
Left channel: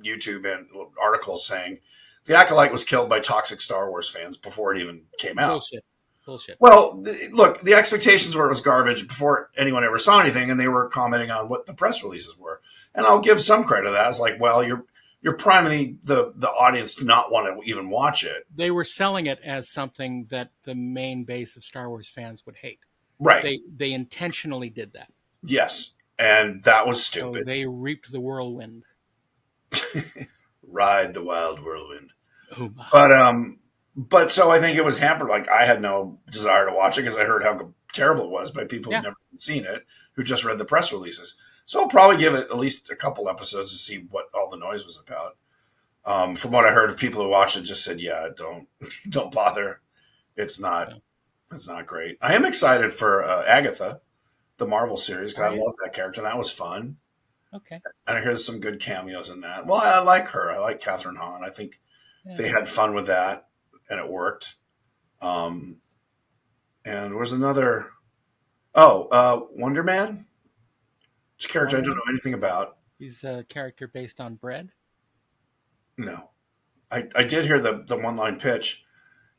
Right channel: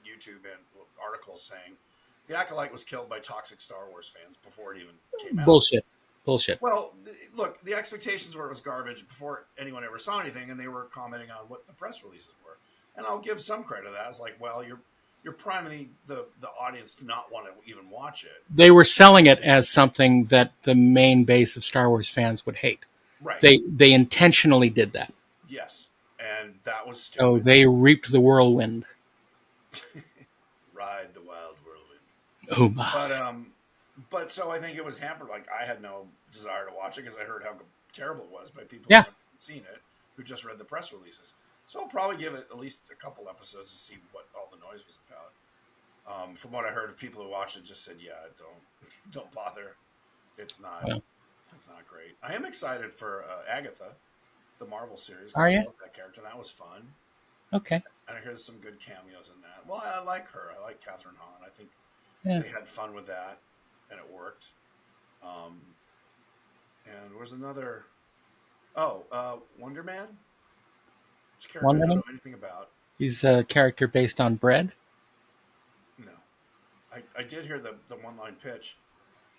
YouTube and articles saying The Acolyte was killed by toxic Star Wars fans before it even came out. Bullshit. Bullshit. Well, look, the expectations were it was garbage before anyone ever saw anything, and they were commenting on what the press releases were. And I'll give some credit to that. It's like, well, you're priming the audience to not want to even watch it. They were selling it as something that the main base of Star Wars fans would hate. Right. They intentionally did that. Yes. And that was So stupid. they reaped the whirlwind. Ride the wild whirlwind. Oh my. But so I think it was hampered. Like I had no desire to watch it because I heard how terrible it was by people Yeah. who never seen it, who just read the press releases. So I'll probably give it at least a couple episodes to see what all the noise was about. From what I heard of people who watched it, just said, "Yeah, don't bother. It's not, Yeah. it's not great." I am excited for Agatha, the Marvel series. 'Cause Are I you? love that character. That was fun, Okay. and I hear there's some good cameos in that. Well, I like her. I like Catherine Hahn. I think Yeah. they had fun with that, and it worked. And was another. Oh, Wonder Man. It's a character I Wonder don't Man? know anything about. He's a character based on bread. No, I did hear the one line pitch.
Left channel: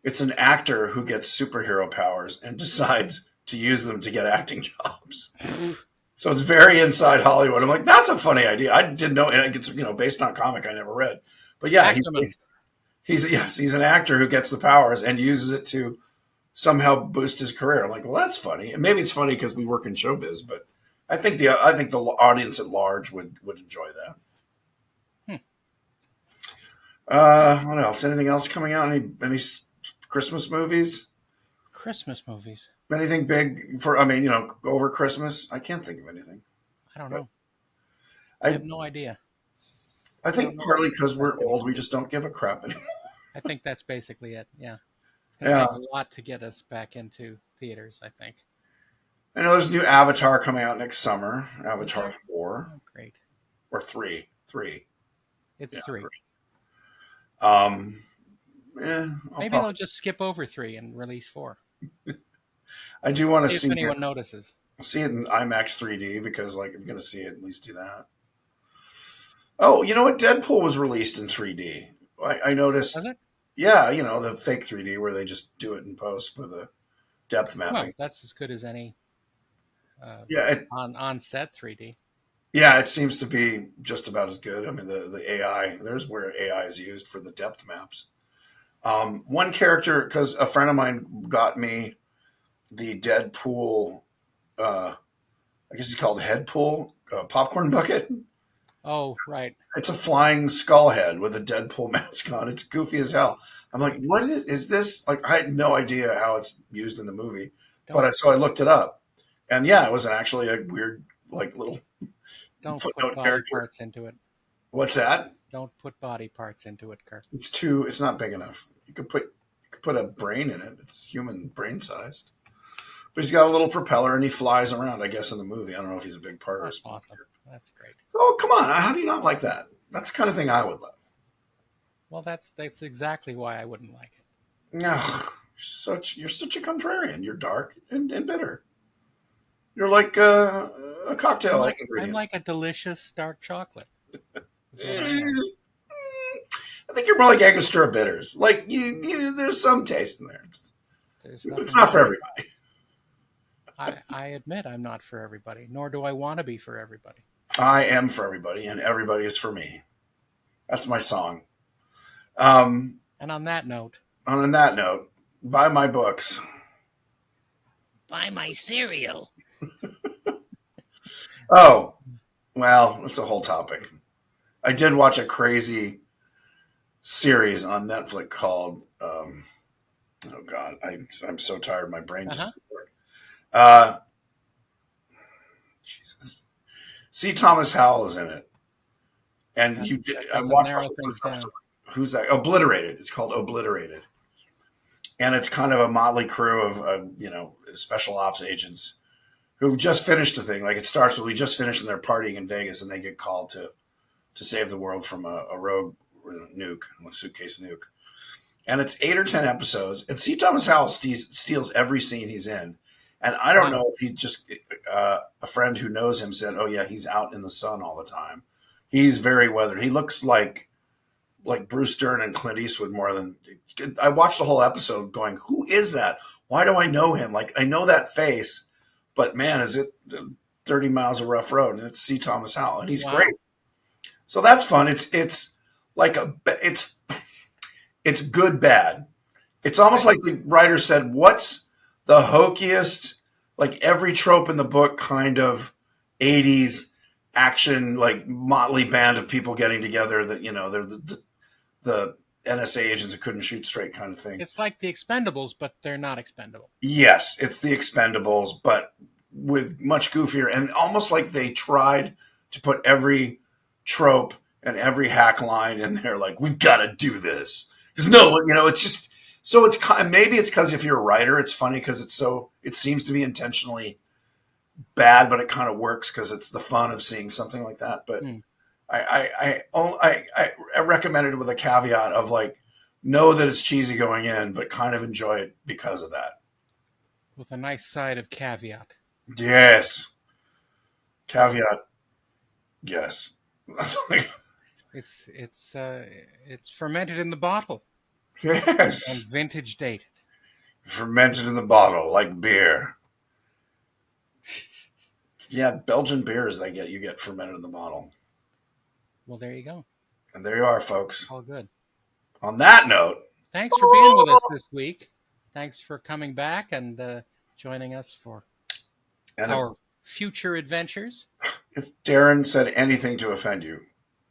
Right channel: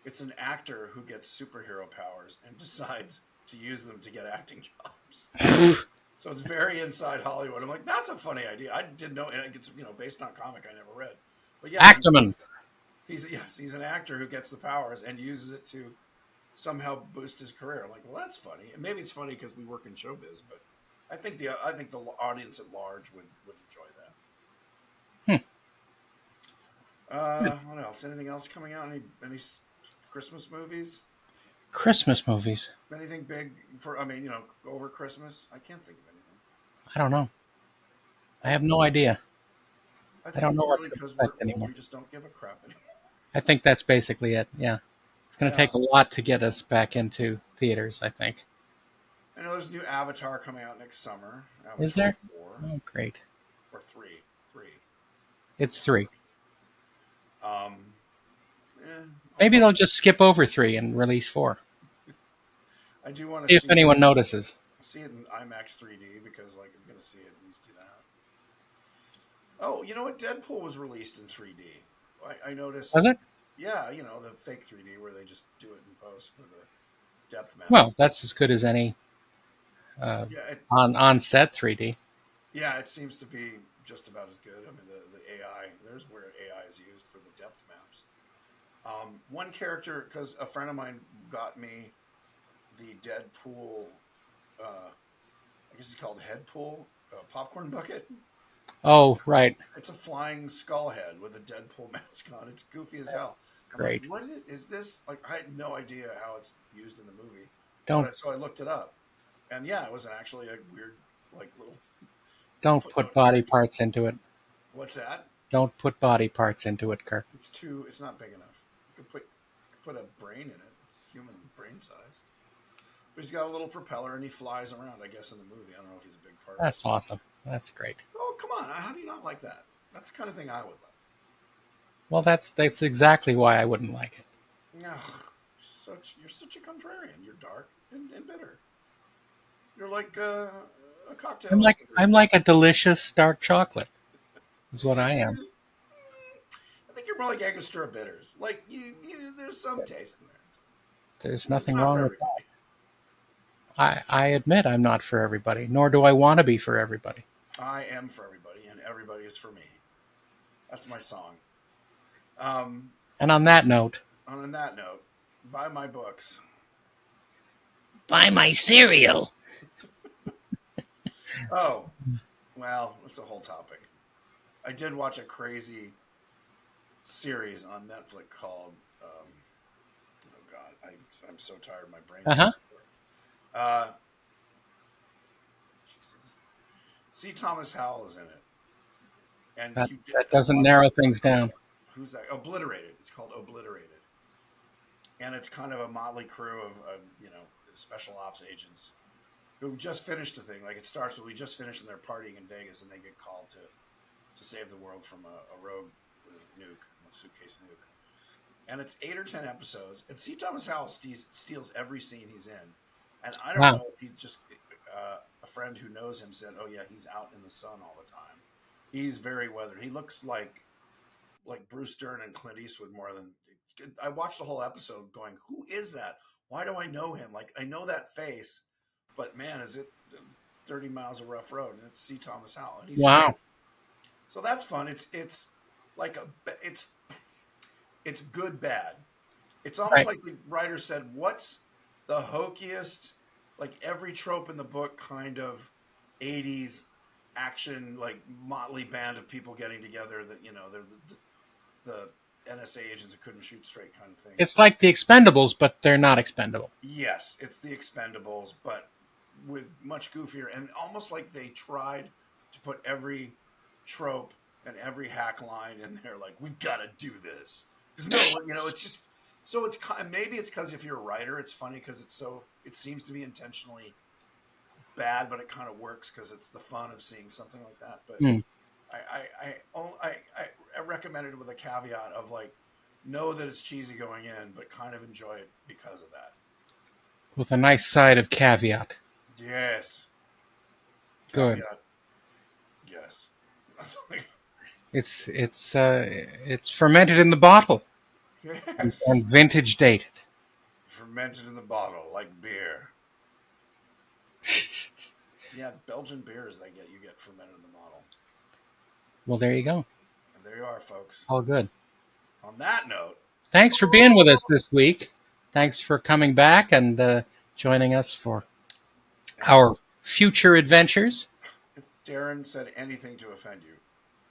It's an actor who gets superhero powers and decides to use them to get acting jobs. So it's very inside Hollywood. I'm like, that's a funny idea. I didn't know, and it's based on a comic I never read. But yeah, Ackerman. he's an actor who gets the powers and uses it to somehow boost his career. I'm like, well, that's funny. And maybe it's funny because we work in showbiz, but I think the audience at large would enjoy that. Hmm. Yeah. What else? Anything else coming out? Any Christmas movies? Christmas movies. Anything big for? I mean, over Christmas? I can't think of anything. I don't know. I I have no idea. I I don't think know what partly to because we're expect old, anymore. we just don't give a crap anymore. I think that's basically it. Yeah. It's going to Yeah, take a lot to get us back into theaters, I think. I know there's a new Avatar coming out next summer. Is Avatar there? 4 Oh, great. or 3, 3. It's Yeah, 3. 3. Um, I'll Maybe probably. they'll just skip over 3 and release 4. I do want to If see it. anyone notices. See it in IMAX 3D because like I'm going to see it at least do that. Oh, you know what? Deadpool was released in 3D. I Was noticed. it? Yeah, the fake 3D where they just do it in post for the depth mapping. Well, that's as good as any uh, Yeah, on set 3D. yeah, it seems to be just about as good. I mean, the AI. There's where AI is used for the depth maps. One character, because a friend of mine got me the Deadpool. Uh, I guess he's called Headpool popcorn bucket. Oh, right. It's a flying skull head with a Deadpool mask on. It's goofy as hell. I'm like, Great. what is this? Like, I had no idea how it's used in the movie, but Don't so I looked it up, and yeah, it was actually a weird, like, little don't put footnote body character. parts into it. What's that? Don't put body parts into it, Kirk. It's too. It's not big enough. You could put a brain in it. It's human brain sized. But he's got a little propeller and he flies around. I guess in the movie, I don't know if he's a big part of it. That's awesome. That's great. Oh, come on! How do you not like that? That's the kind of thing I would love. Well, that's exactly why I wouldn't like it. No, you're such a contrarian. You're dark and bitter. You're like a I'm cocktail like I'm ingredient. like a delicious dark chocolate. Is what I am. Eh, I think you're more like Angostura bitters. Like there's some taste in there. There's It's nothing not for wrong with everybody. I admit I'm not for everybody, nor do I want to be for everybody. I am for everybody, and everybody is for me. That's my song. Um, And on that note, on that note, buy my books. buy my cereal. Oh, well, it's a whole topic. I did watch a crazy series on Netflix called. Oh God, I'm so tired. My brain just Uh-huh. doesn't work. Uh, Jesus. C. Thomas Howell is in it, and That, you did. that I doesn't watched narrow the things first episode. down. Who's that? Obliterated. It's called Obliterated, and it's kind of a motley crew of special ops agents who just finished a thing. Like it starts with we just finished and they're partying in Vegas, and they get called to save the world from a rogue nuke, a suitcase nuke. And it's 8 or 10 episodes. And C. Thomas Howell steals every scene he's in. And I don't Wow. know if he just a friend who knows him said, "Oh yeah, he's out in the sun all the time. He's very weathered. He looks like Bruce Dern and Clint Eastwood more than." I watched the whole episode, going, "Who is that? Why do I know him? Like I know that face, but man, is it 30 miles of rough road?" And it's C. Thomas Howell, and he's great. Wow. So that's fun. It's like it's good bad. It's almost Right. like the writer said, "What's the hokiest, like every trope in the book, kind of '80s action, like motley band of people getting together that they're the NSA agents who couldn't shoot straight, kind of thing." It's like the Expendables, but they're not expendable. Yes, it's the Expendables, but with much goofier and almost like they tried to put every trope and every hack line in there. Like we've got to do this because no, it's just so maybe it's because if you're a writer, it's funny because it seems to be intentionally bad, but it kind of works because it's the fun of seeing something like that. But Hmm. I recommend it with a caveat of like know that it's cheesy going in, but kind of enjoy it because of that. with a nice side of caveat. Yes. Good. Caveat. Yes. It's fermented in the bottle Yes. and vintage dated. Fermented in the bottle like beer. Yeah, Belgian beers you get fermented in the bottle. Well, there you go. And there you are, folks. All good. On that note, Thanks for being with us this week. Thanks for coming back and joining us for and our future adventures. if Daren said anything to offend you,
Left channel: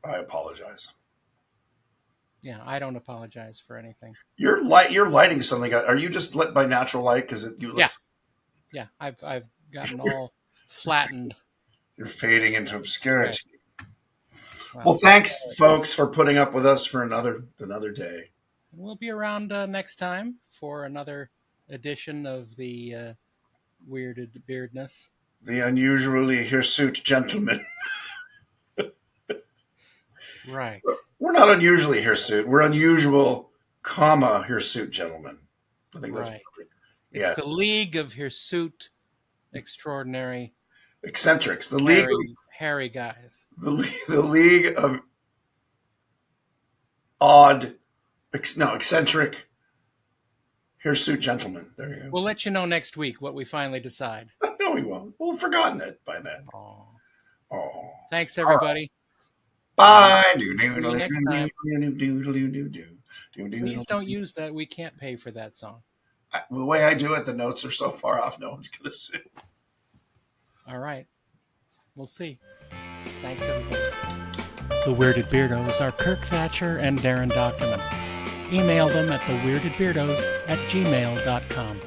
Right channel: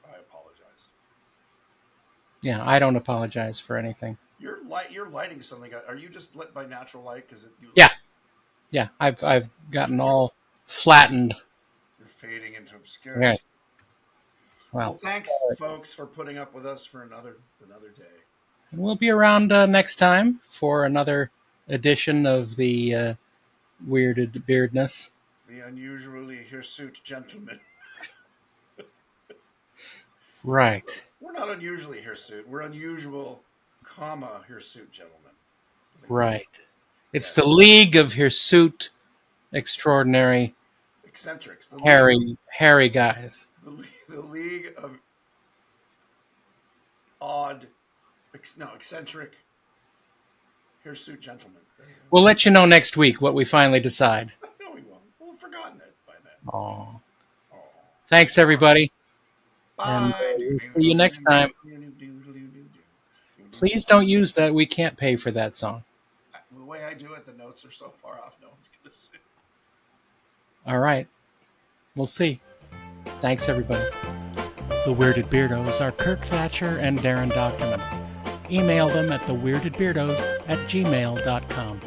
I apologize. Yeah, I don't apologize for anything. You're lighting something. Are you just lit by natural light? Because you look. Yeah, yeah. I've gotten all flattened. You're fading into Yeah. obscurity. Well, Well, thanks, folks, for putting up with us for another day. we'll be around next time for another edition of the weirded beardness. The unusually hirsute gentleman. Right. We're not unusually hirsute. We're unusual, hirsute gentlemen. I think Right. It's yes. the League of Hirsute Extraordinary Eccentrics. The hairy guys. the league of odd, eccentric hirsute gentlemen. There you go. We'll let you know next week what we finally decide. No, we won't. We'll have forgotten it by then. Oh. Oh. Thanks, everybody. Bye. See you next time. Please don't use that. We can't pay for that song. The way I do it, the notes are so far off, no one's going to see. All right. We'll see. Thanks, everybody. The Weirded Beardos are Kirk Thatcher and Daren Doctorman. Email them at theweirdedbeardos@gmail.com.